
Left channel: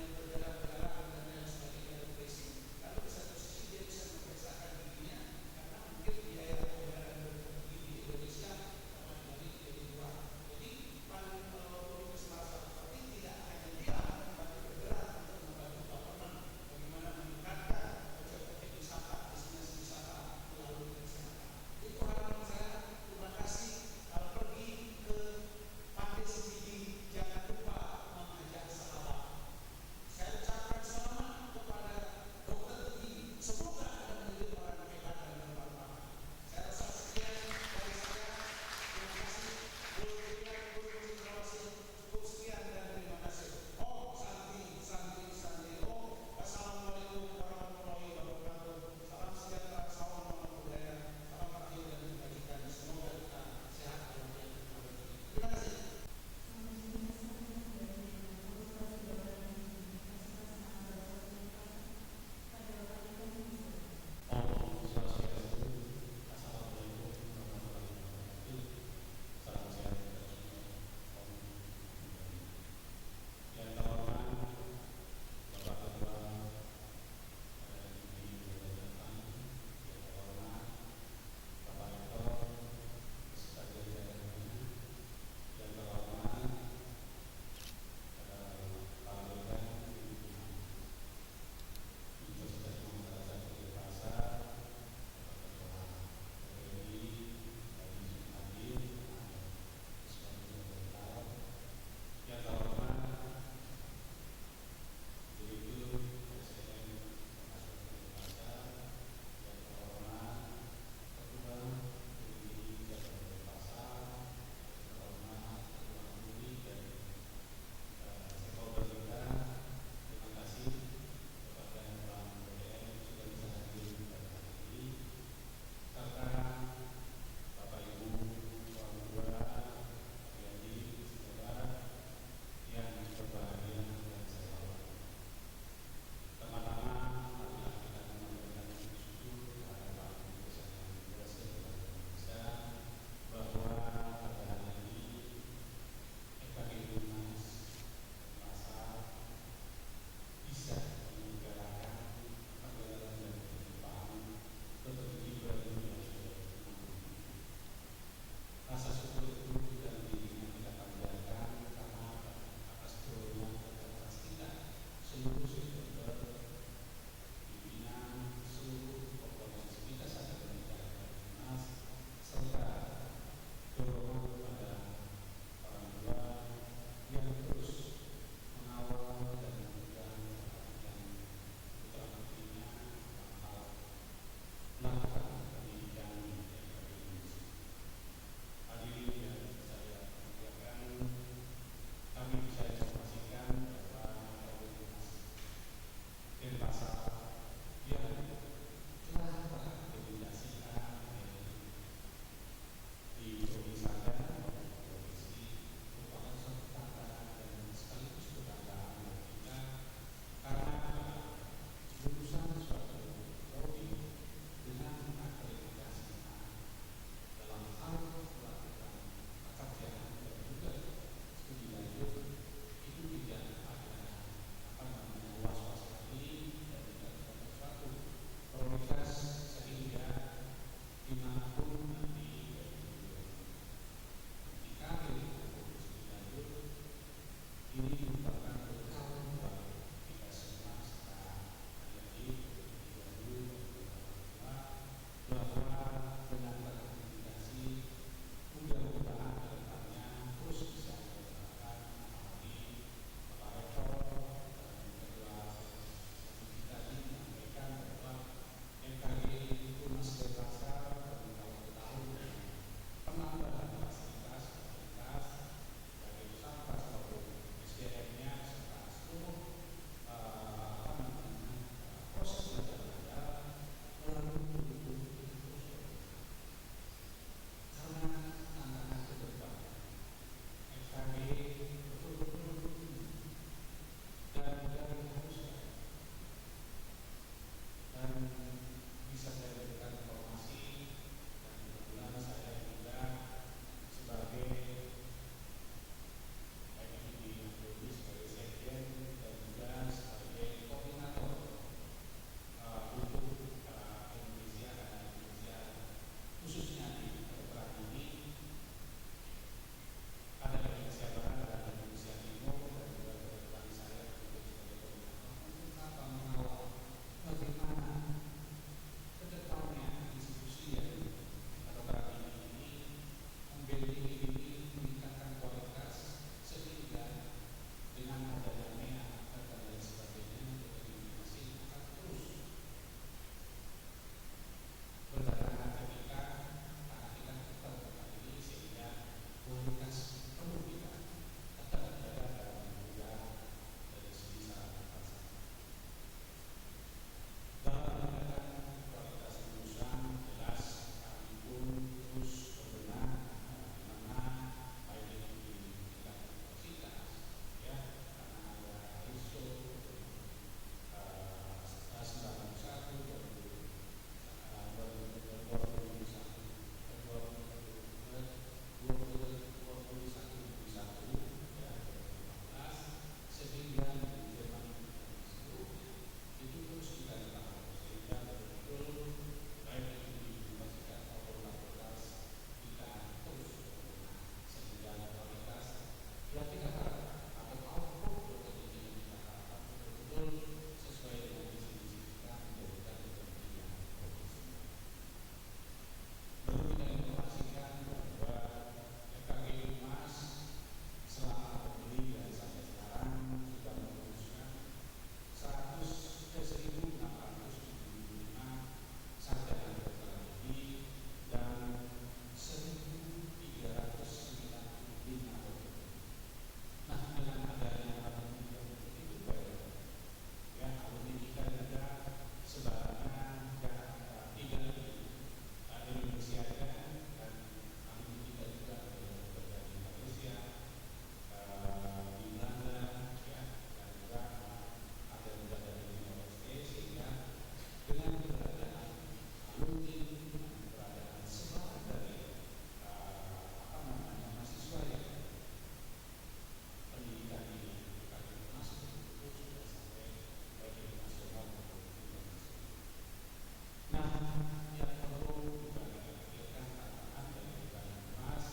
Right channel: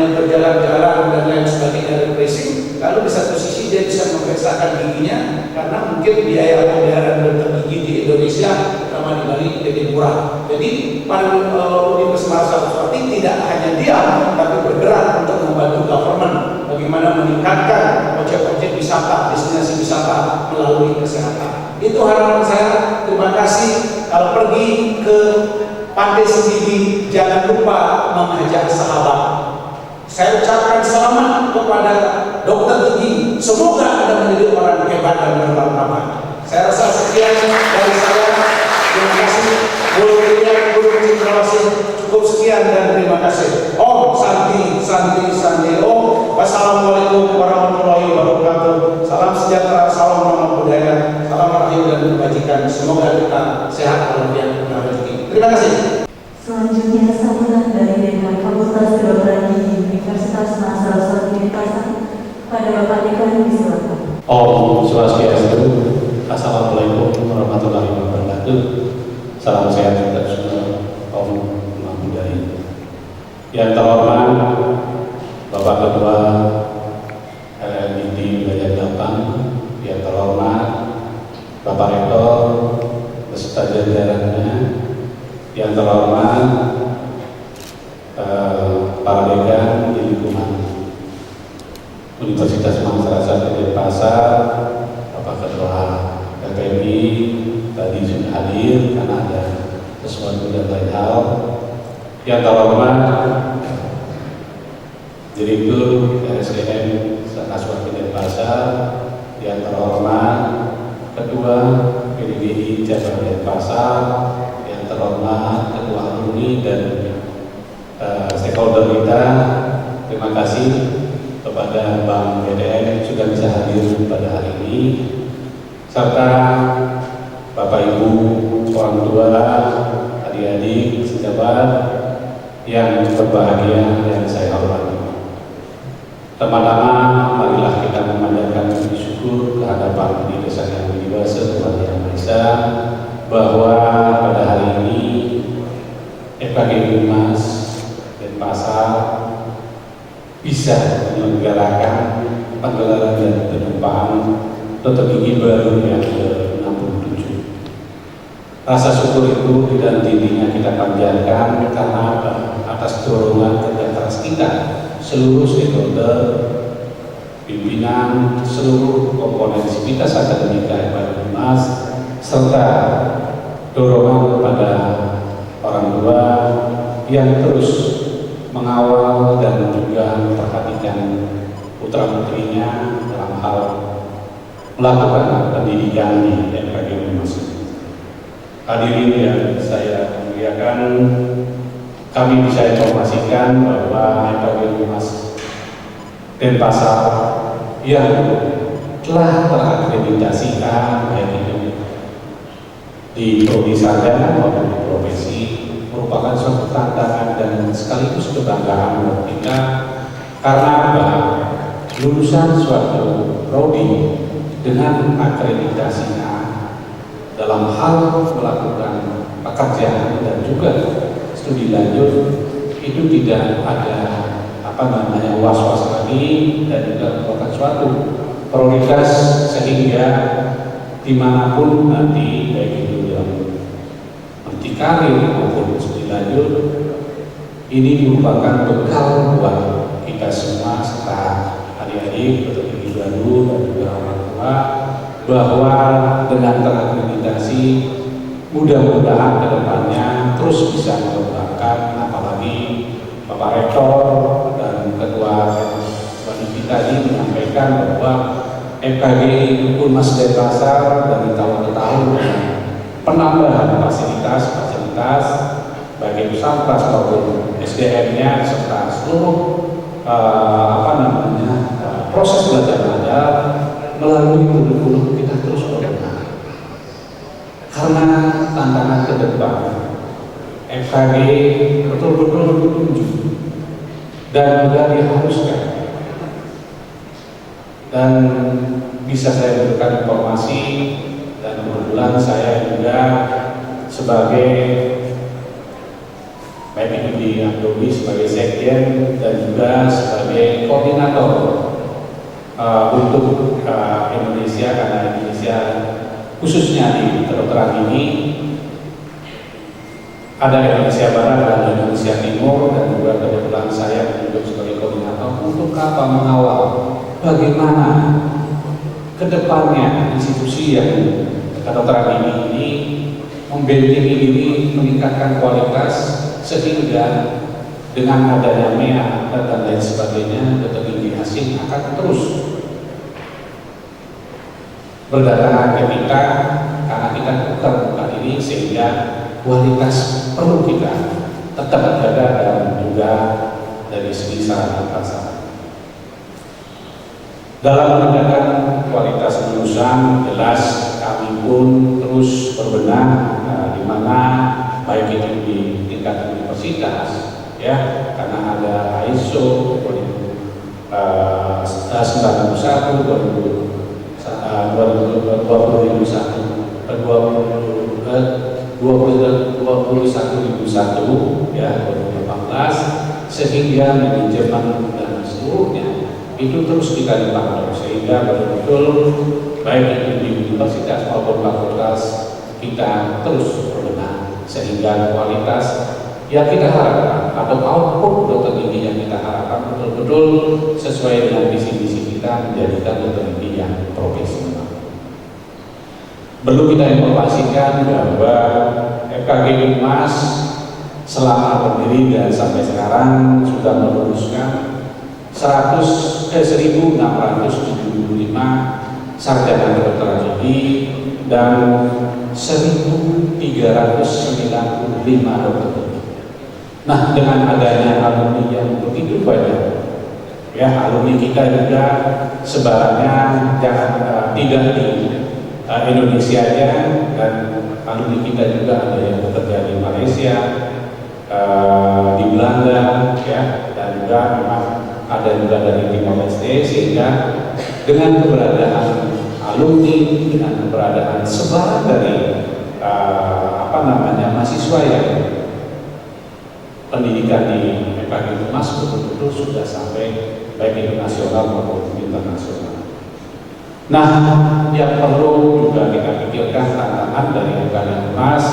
berjalan-jalan dan lain sebagainya refreshing. Lalu di satu sisi dia bisa memeriksakan giginya karena mungkin biaya pembayaran dokter gigi di Indonesia terutama di Bali lebih murah. Jadi Universitas Saraswati tidak hanya diam tapi bergerak untuk membantu government bagaimana meningkatkan objek-objek wisata, destinasi wisata melalui kesehatan. Itu harapan saya. Terima kasih. Kalau pergi ke Pantai Sendiri jangan lupa mengajak sahabat. Saya ucapkan selamat kepada dokter gigi. Semoga Anda menjadi orang hebat dan bermartabat. Saya rasa sekian dari saya. Terima kasih. Guru Cendrawasih cukup sekian dan terima kasih. Om Santi Om. Wassalamualaikum warahmatullahi wabarakatuh. Salam sejahtera, salam ramah budaya, salam rahayu dan kebajikan. Semoga kita sehat walafiat dan rezeki. Terima kasih. Selanjutnya sambutan dari Dekan Fakultas Kedokteran Gigi Universitas Saraswati Denpasar pada Bapak Dekan disilakan. Om Swastiastu. Assalamualaikum warahmatullahi wabarakatuh. Salam sehat untuk semua. Om Namo Buddhaya. Yang terhormat Bapak Ketua LLGD Wilayah 8, yang terhormat Bapak Rektor beserta jajarannya, yang terhormat para dekan di lingkungan Universitas Saraswati Denpasar, Bapak Ketua LPMI tadi sudah hadir karena ada sesuatu dan lain hal. Yang terhormat Direktur RSDM Saraswati Denpasar, yang terhormat Ketua PDGI Cabang Denpasar, yang terhormat Ketua Alumni dan stakeholder kita. Terima kasih kepada Bank BDN sudah bisa hadir pada hari ini, serta Bapak Ibu orang tua, adik-adik, sejawat yang berbahagia yang saya hormati. Pertama-tama marilah kita memanjatkan puji syukur kehadapan Diri Sang Yang Widi-Wasa Tuhan Yang Maha Esa bahwa pada hari ini FKG Unmas Denpasar bisa menyelenggarakan pagelaran dan penjumpaan dokter gigi baru yang ke-67. Rasa syukur itu dan intinya kita panjatkan karena atas dorongan kerja keras kita seluruh stakeholder, pimpinan, seluruh komponen sivitas akademika Unmas, serta dorongan kepada orang tua yang terus mengawal dan juga memperhatikan putra-putrinya dalam hal melakukan pendidikan di FKG Unmas. Hadirin yang saya muliakan, kami bisa informasikan bahwa FKG Unmas Denpasar yang telah terakreditasi baik itu di prodi sarjana maupun di profesi merupakan suatu tantangan dan sekaligus kebanggaan buat kita karena lulusan suatu prodi dengan akreditasi A dalam hal melakukan pekerjaan dan juga studi lanjut itu tidak ada was-was lagi dan juga merupakan suatu prioritas sehingga dimanapun nanti baik itu dalam karir maupun studi lanjut ini merupakan bekal buat kita semua serta adik-adik, peterjun baru dan juga orang tua bahwa dengan terakreditasi mudah-mudahan ke depannya terus bisa mengembangkan, apalagi Bapak Rektor dan Ketua Panitia tadi menyampaikan bahwa FKG Unmas Denpasar dari tahun ke tahun penambahan fasilitas baik itu sampras maupun SDM-nya serta seluruh proses belajar mengajar melalui kurikulum kita terus berkembang. Karena tantangan ke depan FKG betul-betul ditunjuk dan juga diharuskan. Dan bisa saya berikan informasi dan kebetulan saya juga sebagai baik itu di Adobe sebagai sekjen dan juga sebagai koordinator untuk Indonesia, karena Indonesia khususnya di kedokteran ini ada Indonesia Barat dan Indonesia Timur, dan juga kebetulan saya menunjuk sebagai koordinator untuk apa mengawal bagaimana kedepannya institusi yang kedokteran ini membentengi diri, meningkatkan kualitas sehingga dengan adanya MEA dan lain sebagainya teknologi asing akan terus berdatangan ke kita karena kita bukan ini, sehingga kualitas perlu kita tetap jaga dan juga dari segi sarana prasarana. Dalam meningkatkan kualitas lulusan, jelas kami pun terus berbenah di mana baik itu di tingkat universitas, ya, karena ada ISO 21.001 ya 2018, sehingga manajemen dan seluruhnya itu terus kita dipantau sehingga betul-betul baik itu di universitas maupun fakultas kita terus berbenah sehingga kualitas yang kita harapkan atau output dokter gigi yang kita harapkan betul-betul sesuai dengan visi-visi kita menjadikan dokter gigi yang profesional. Perlu kita informasikan bahwa FKG Unmas selama berdiri dan sampai sekarang sudah meluluskan 1.675 sarjana kedokteran gigi dan 1.395 dokter gigi. Nah, dengan adanya alumni yang begitu banyak, ya alumni kita juga sebarannya jangan tidak di Indonesia aja, dan alumni kita juga ada yang bekerja di Malaysia, di Belanda, ya, dan juga memang ada juga dari Timor Leste, sehingga dengan keberadaan alumni, dengan keberadaan sebaran dari mahasiswa yang pendidikan di FKG Unmas betul-betul sudah sampai baik itu nasional maupun internasional. Nah, yang perlu juga kita pikirkan tantangan dari FKG Unmas,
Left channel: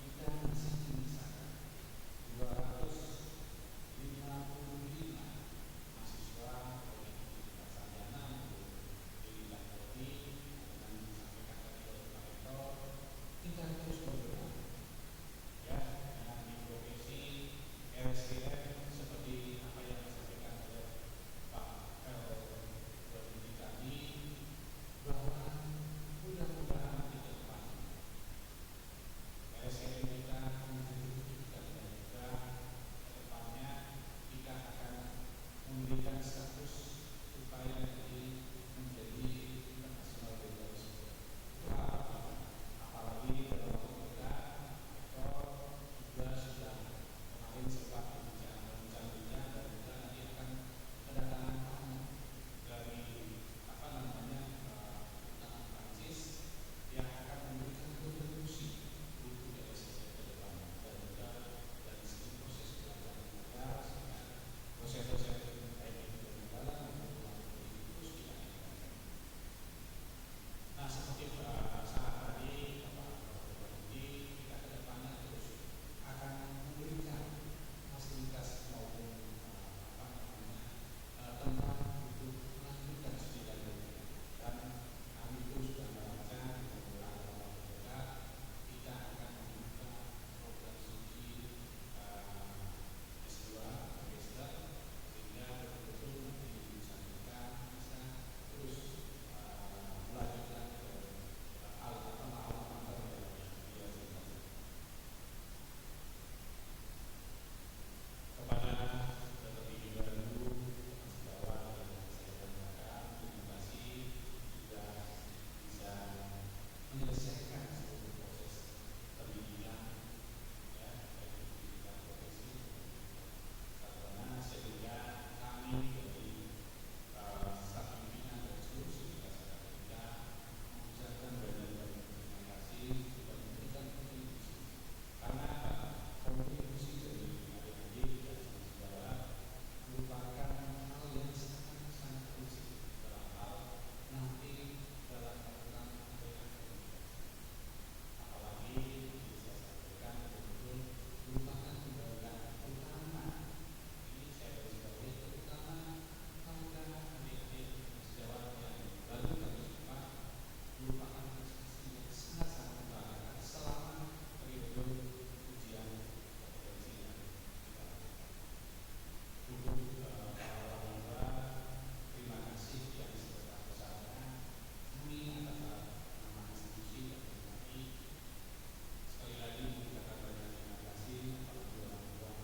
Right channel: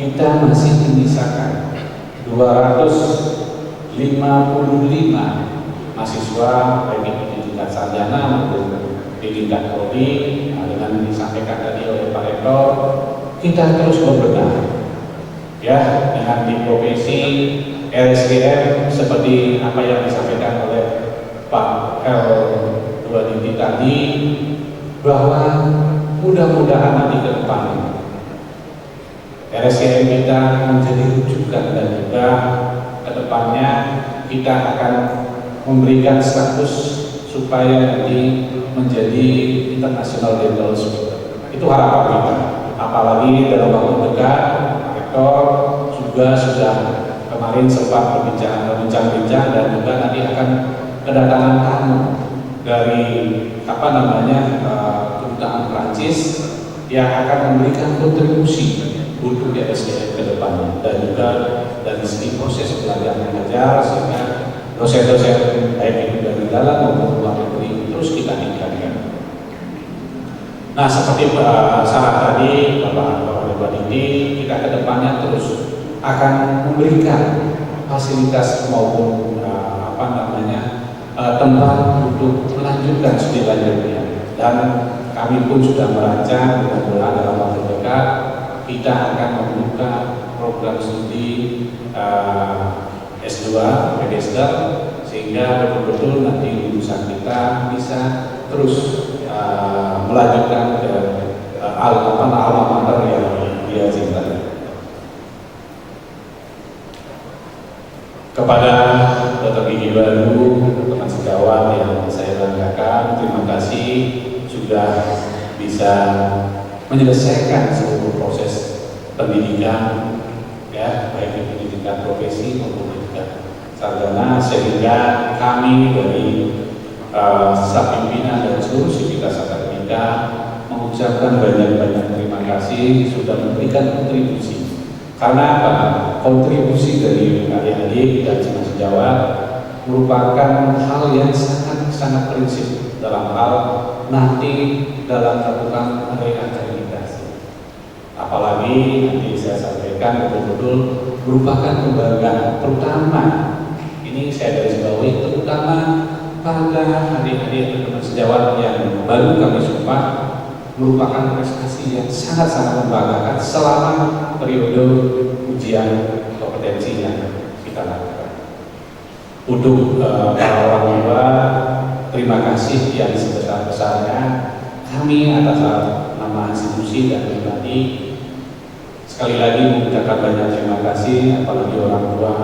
kita masih menyisakan 255 mahasiswa baik itu di tingkat sarjana maupun di tingkat prodi. Dengan disampaikan tadi oleh Pak Rektor, kita terus berbenah, ya, dengan di profesi RSDM seperti apa yang disampaikan oleh Pak L2 tadi, bahwa mudah-mudahan nanti ke depan RSDM kita menjadi rujukan dan juga ke depannya kita akan memberikan status supaya nanti menjadi international dental school. Itu harapan kita. Apalagi dalam waktu dekat, Rektor juga sudah kemarin sempat berbincang-bincang dan juga nanti akan kedatangan tamu dari kedutaan Prancis yang akan memberikan kontribusi untuk RSDM ke depannya dan juga dari segi proses belajar mengajar, sehingga dosen-dosen baik itu dari dalam maupun luar negeri terus kita tingkatkan. Nah, seperti syarat tadi Bapak ini, kita ke depannya terus akan memberikan fasilitas maupun tempat untuk melanjutkan studi lanjutnya. Dan kami pun sudah merancang mudah-mudahan dalam waktu dekat kita akan membuka program studi S2, PhD, sehingga betul-betul nanti lulusan kita bisa terus melanjutkan ke alma mater yang dia cintai. Kepada Dr. Gigi Baru, teman sejawat yang saya banggakan, terima kasih sudah bisa menyelesaikan seluruh proses pendidikan, ya, baik itu pendidikan profesi maupun pendidikan sarjana, sehingga kami dari staf pimpinan dan seluruh sivitas akademika mengucapkan banyak-banyak terima kasih sudah memberikan kontribusi. Karena apa? Kontribusi dari adik-adik dan sejawat merupakan hal yang sangat prinsip dalam hal nanti dalam melakukan reakreditasi. Apalagi nanti saya sampaikan betul-betul merupakan kebanggaan, terutama ini saya garis bawahi, terutama pada adik-adik dan teman sejawat yang baru kami sumpah, merupakan prestasi yang sangat-sangat membanggakan selama periode ujian kompetensi yang kita lakukan. Untuk para orang tua, terima kasih yang sebesar-besarnya. Kami atas nama institusi dan pribadi sekali lagi mengucapkan banyak terima kasih, apalagi orang tua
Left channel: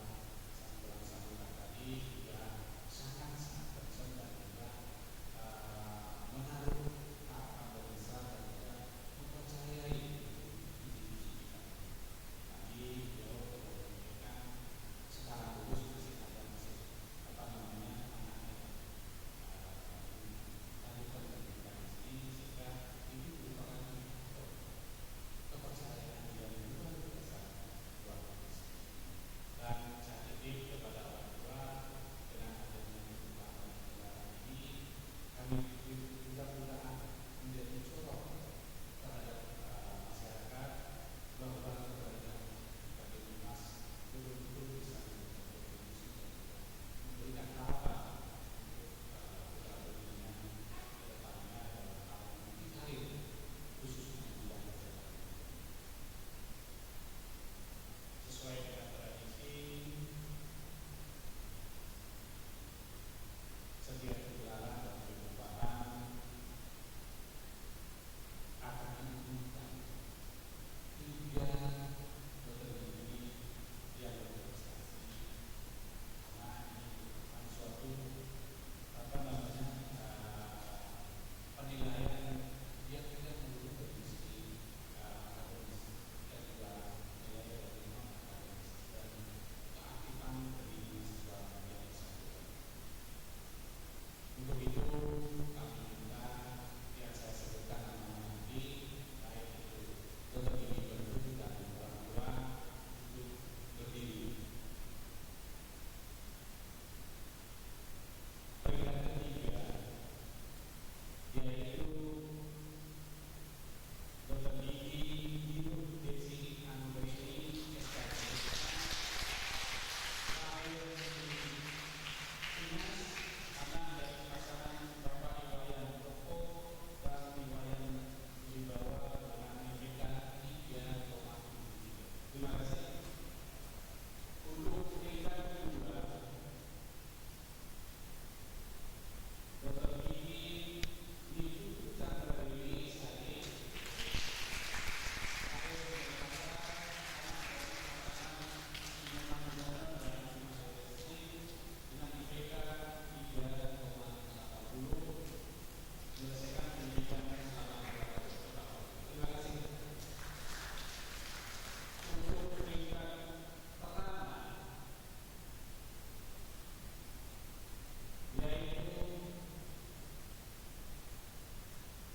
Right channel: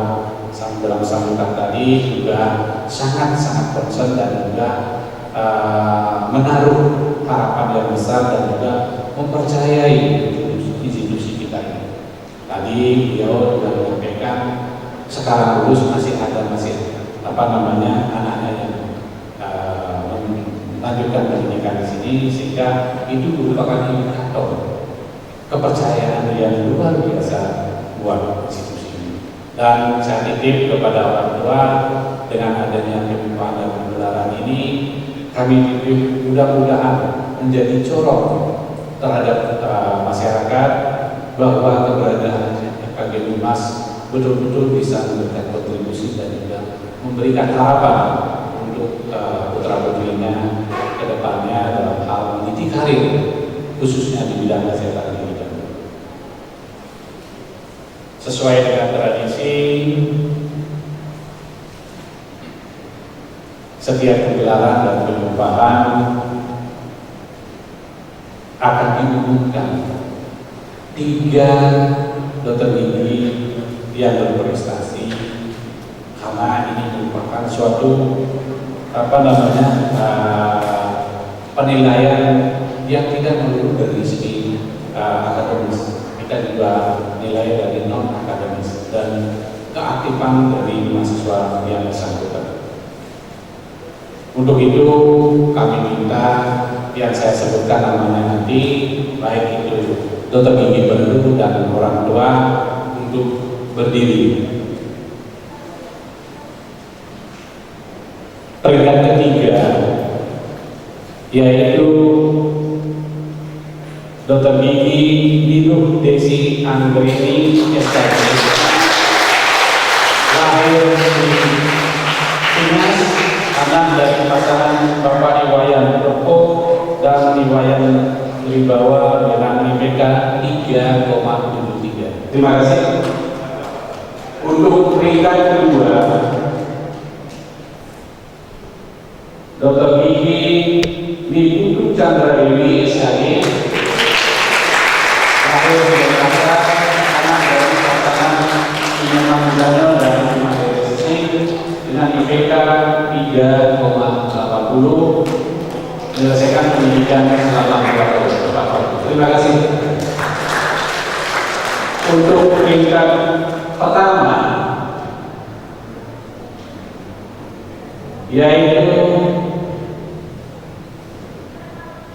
dalam sambutan tadi juga sangat-sangat concern dan juga menaruh harapan yang besar dan juga mempercayai institusi kita ini. Tadi beliau sudah menyampaikan sekarang lulus masih ada anaknya yang melanjutkan pendidikan di sini, sehingga itu merupakan indikator kepercayaan yang luar biasa buat institusi ini. Dan saya titip kepada orang tua dengan adanya pembukaan dan pembelajaran ini, kami titip mudah-mudahan menjadi corong terhadap masyarakat bahwa keberadaan FKG Unmas betul-betul bisa memberikan kontribusi dan juga memberikan harapan untuk putra-putrinya ke depannya dalam hal meniti karir, khususnya di bidang kesehatan ini. Sesuai dengan tradisi, setiap pegelaran dan pengupahan akan diumumkan 3 dokter gigi yang berprestasi, karena ini merupakan suatu penilaian yang tidak melulu dari segi akademis, kita juga nilai dari non akademis dan keaktifan dari mahasiswa yang bersangkutan. Untuk itu kami minta yang saya sebutkan namanya nanti, baik itu dokter gigi baru dan orang tua, untuk berdiri. Peringkat ketiga yaitu dokter gigi Ninuh Desi Anggreni SKG, lahir di Tunas, anak dari pasangan Bapak Iwayan Roko dan Iwayan Wibawa dengan IPK 3,73. Terima kasih. Untuk peringkat kedua, Dr. Gigi Niputu Chandra Dewi SKG, lahir di Jakarta, anak dari pasangan Iman Mudano dan Iman Desi dengan IPK 3,80, menyelesaikan pendidikan selama 4 tahun. Terima kasih. Untuk peringkat pertama yaitu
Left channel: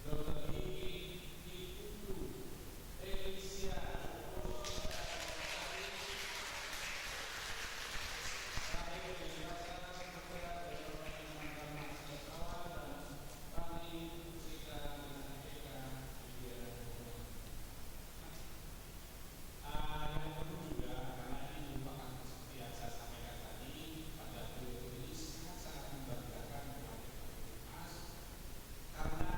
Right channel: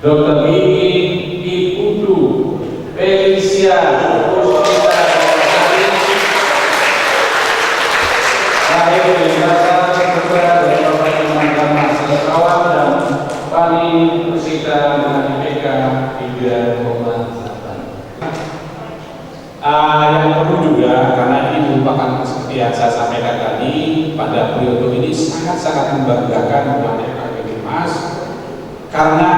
Dr. Gigi Iputu Felicia Puspita, lahir di Jakarta, seperti yang saya sampaikan tadi, pada periode ini sangat-sangat membanggakan buat FKG Bimas, karena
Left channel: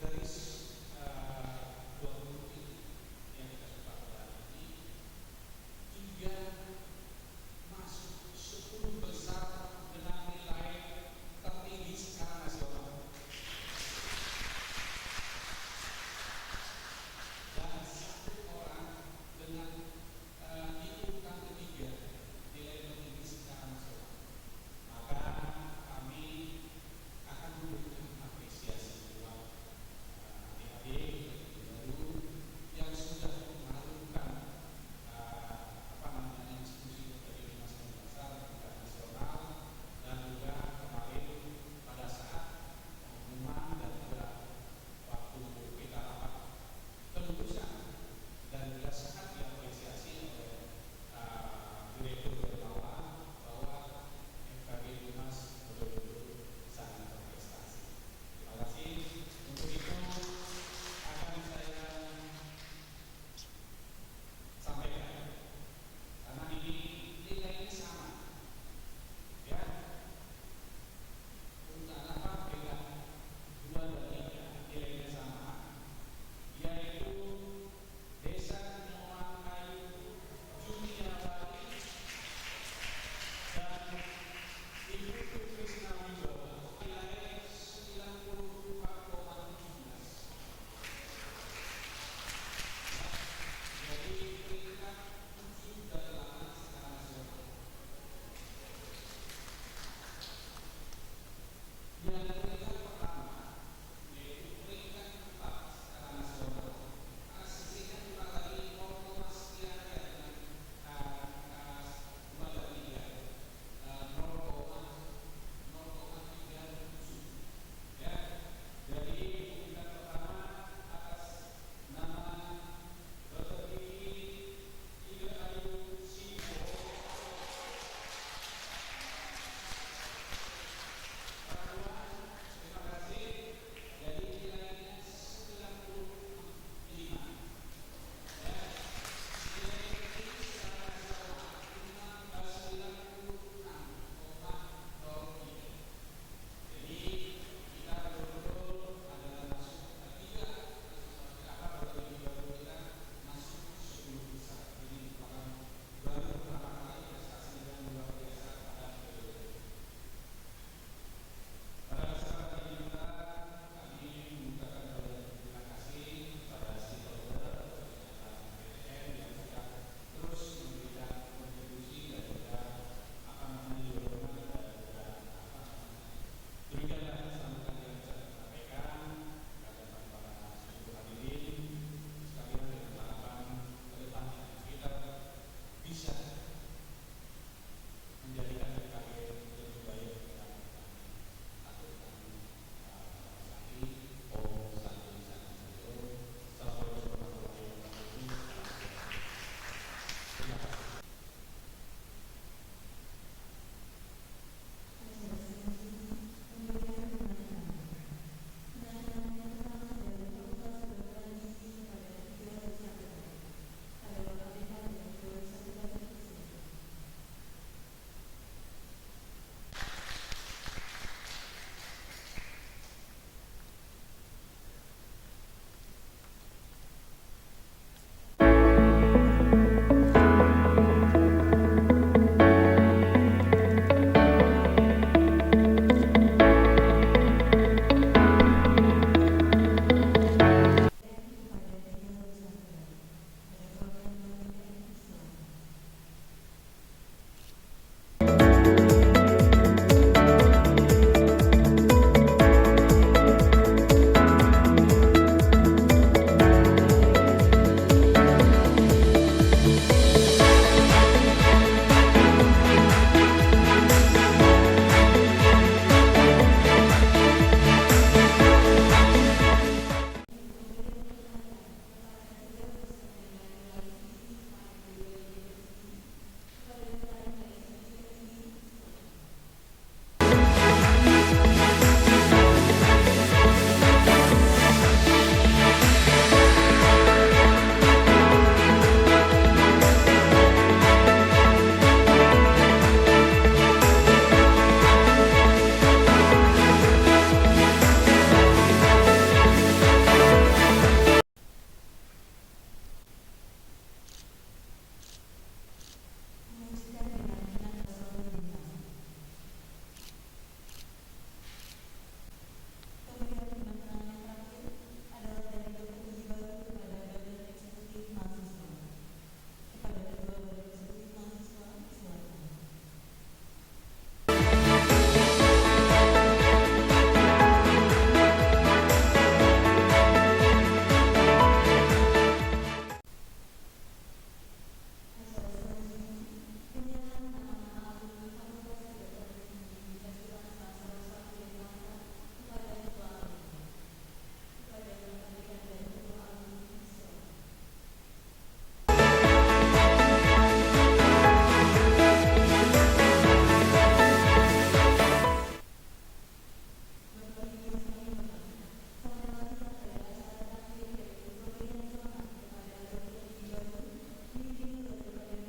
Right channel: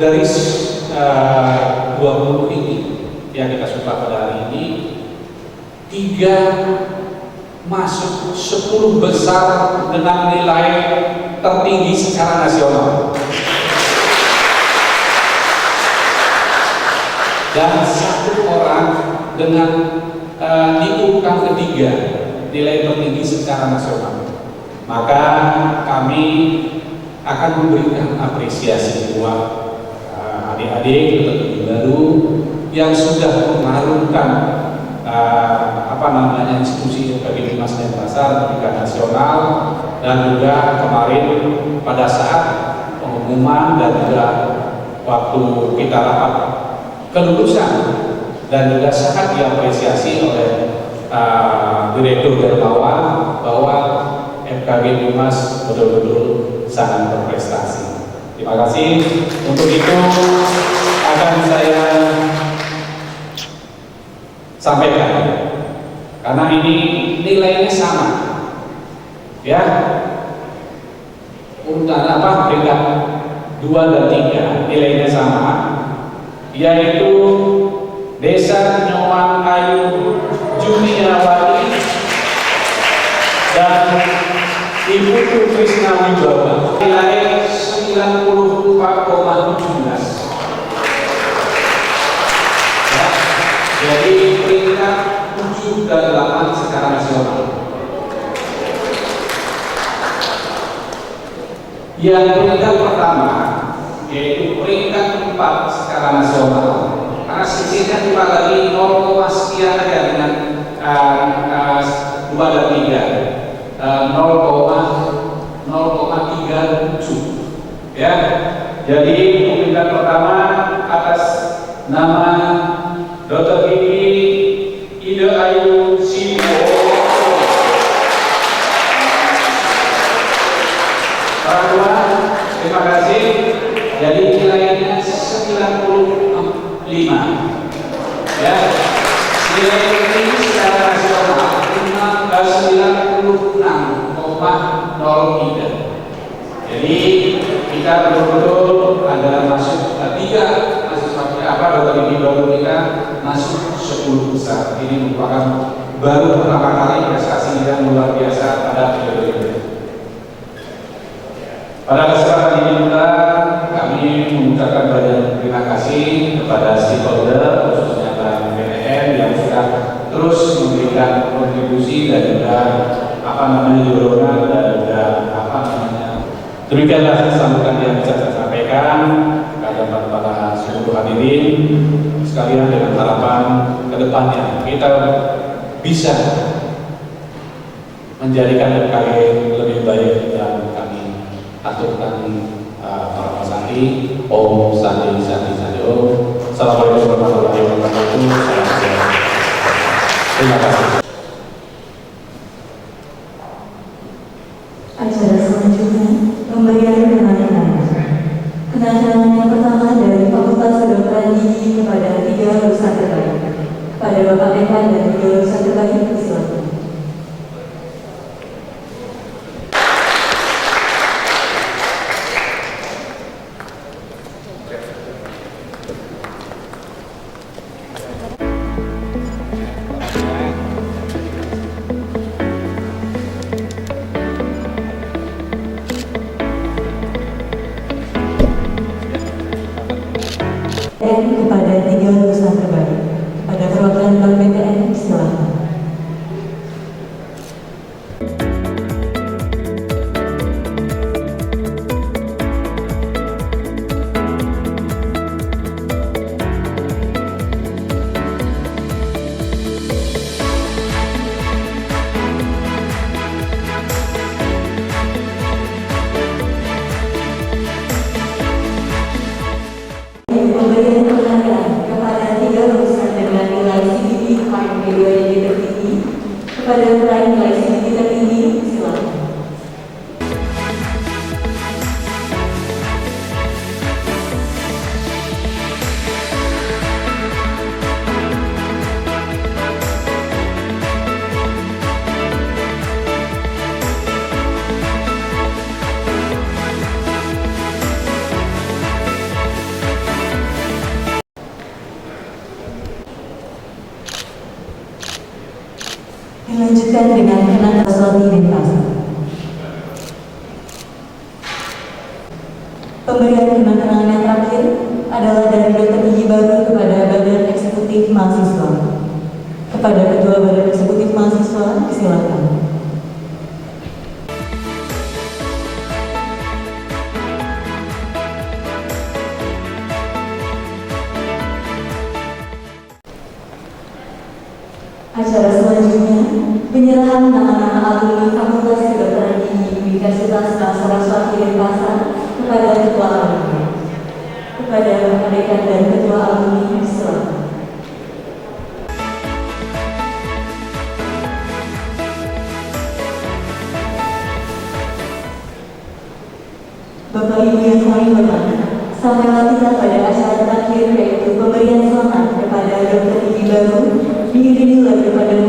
dari 20 ini yang kita suka pada hari ini, 3 masuk 10 besar dengan nilai tertinggi secara nasional, dan 1 orang dengan di urutan ketiga nilai tertinggi secara nasional. Maka kami akan memberikan apresiasi buat adik-adik peterjun baru yang sudah mengarunkan institusi FKG Bimas Denpasar tingkat nasional, dan juga kemarin pada saat pengumuman dan juga waktu kita rapat kelulusan, dan juga sangat diapresiasi oleh Direktur Dermawan bahwa FKG Bimas betul-betul sangat berprestasi. Terima kasih. Untuk itu akan saya sampaikan, karena ini nilainya sama, ya, urutan peringkat 2 dan 3 nilainya sama, yaitu Desa Nyoman Ayu Juniawati dan Ibu Krisna Wibawa, nilai 94,17. Ya, jadi peringkat 7 dan 8 secara nasional. Yang peringkat pertama yaitu peringkat 4 secara nasional, karena sisihnya cuma lagi 0, sekian aja dengan 2 dan 3, 0,37, ya. Jadi peringkat pertama atas nama Dr. Gigi Ida Ayu Sibo. Terima kasih. Jadi nilainya 95, ya. Nilai tertinggi secara nasional 96,03. Jadi kita betul-betul ada masuk 3 Dr. Gigi baru kita masuk 10 besar. Ini merupakan baru pertama kali prestasi yang luar biasa pada periode ini. Pada kesempatan ini juga kami mengucapkan banyak terima kasih kepada stakeholder, khususnya Bank BTN yang sudah terus memberikan kontribusi dan juga dorongan dan juga demikianlah sambutan yang bisa saya sampaikan kepada para seluruh hadirin sekalian, dengan harapan kedepannya kita bisa menjadikan FKG lebih baik, dan kami aturkan para pasantri. Om Santi Santi Santi Om. Assalamualaikum warahmatullahi wabarakatuh. Terima kasih. Acara selanjutnya pemberian kenangan. Kenangan yang pertama dari Fakultas Kedokteran Gigi kepada 3 lulusan terbaik. Kepada Bapak Dekan dan 3 lulusan terbaik, silakan. Kepada 3 lulusan terbaik, pada perwakilan Bank BTN, silakan. Pemberian penghargaan kepada 3 lulusan dengan nilai CGPA KMP2 yang tertinggi, kepada peraih nilai CGPA tertinggi, silakan. Dilanjutkan dengan Renata Suami Denpasar. Pemberian kenang-kenangan yang terakhir adalah dari Dr. Gigi Baru kepada Badan Eksekutif Mahasiswa. Kepada Ketua Badan Eksekutif Mahasiswa, silakan. Acara selanjutnya, penyerahan nama-nama alumni Fakultas Kedokteran Gigi Universitas Bangsa Saraswati Denpasar kepada Ketua Alumni. Kepada Bapak Dekan dan Ketua Alumni, silakan. Bapak Ibu yang kami hormati, sampailah kita pada acara terakhir yaitu pemberian selamat kepada Dr. Gigi Baru diiringi lagu pada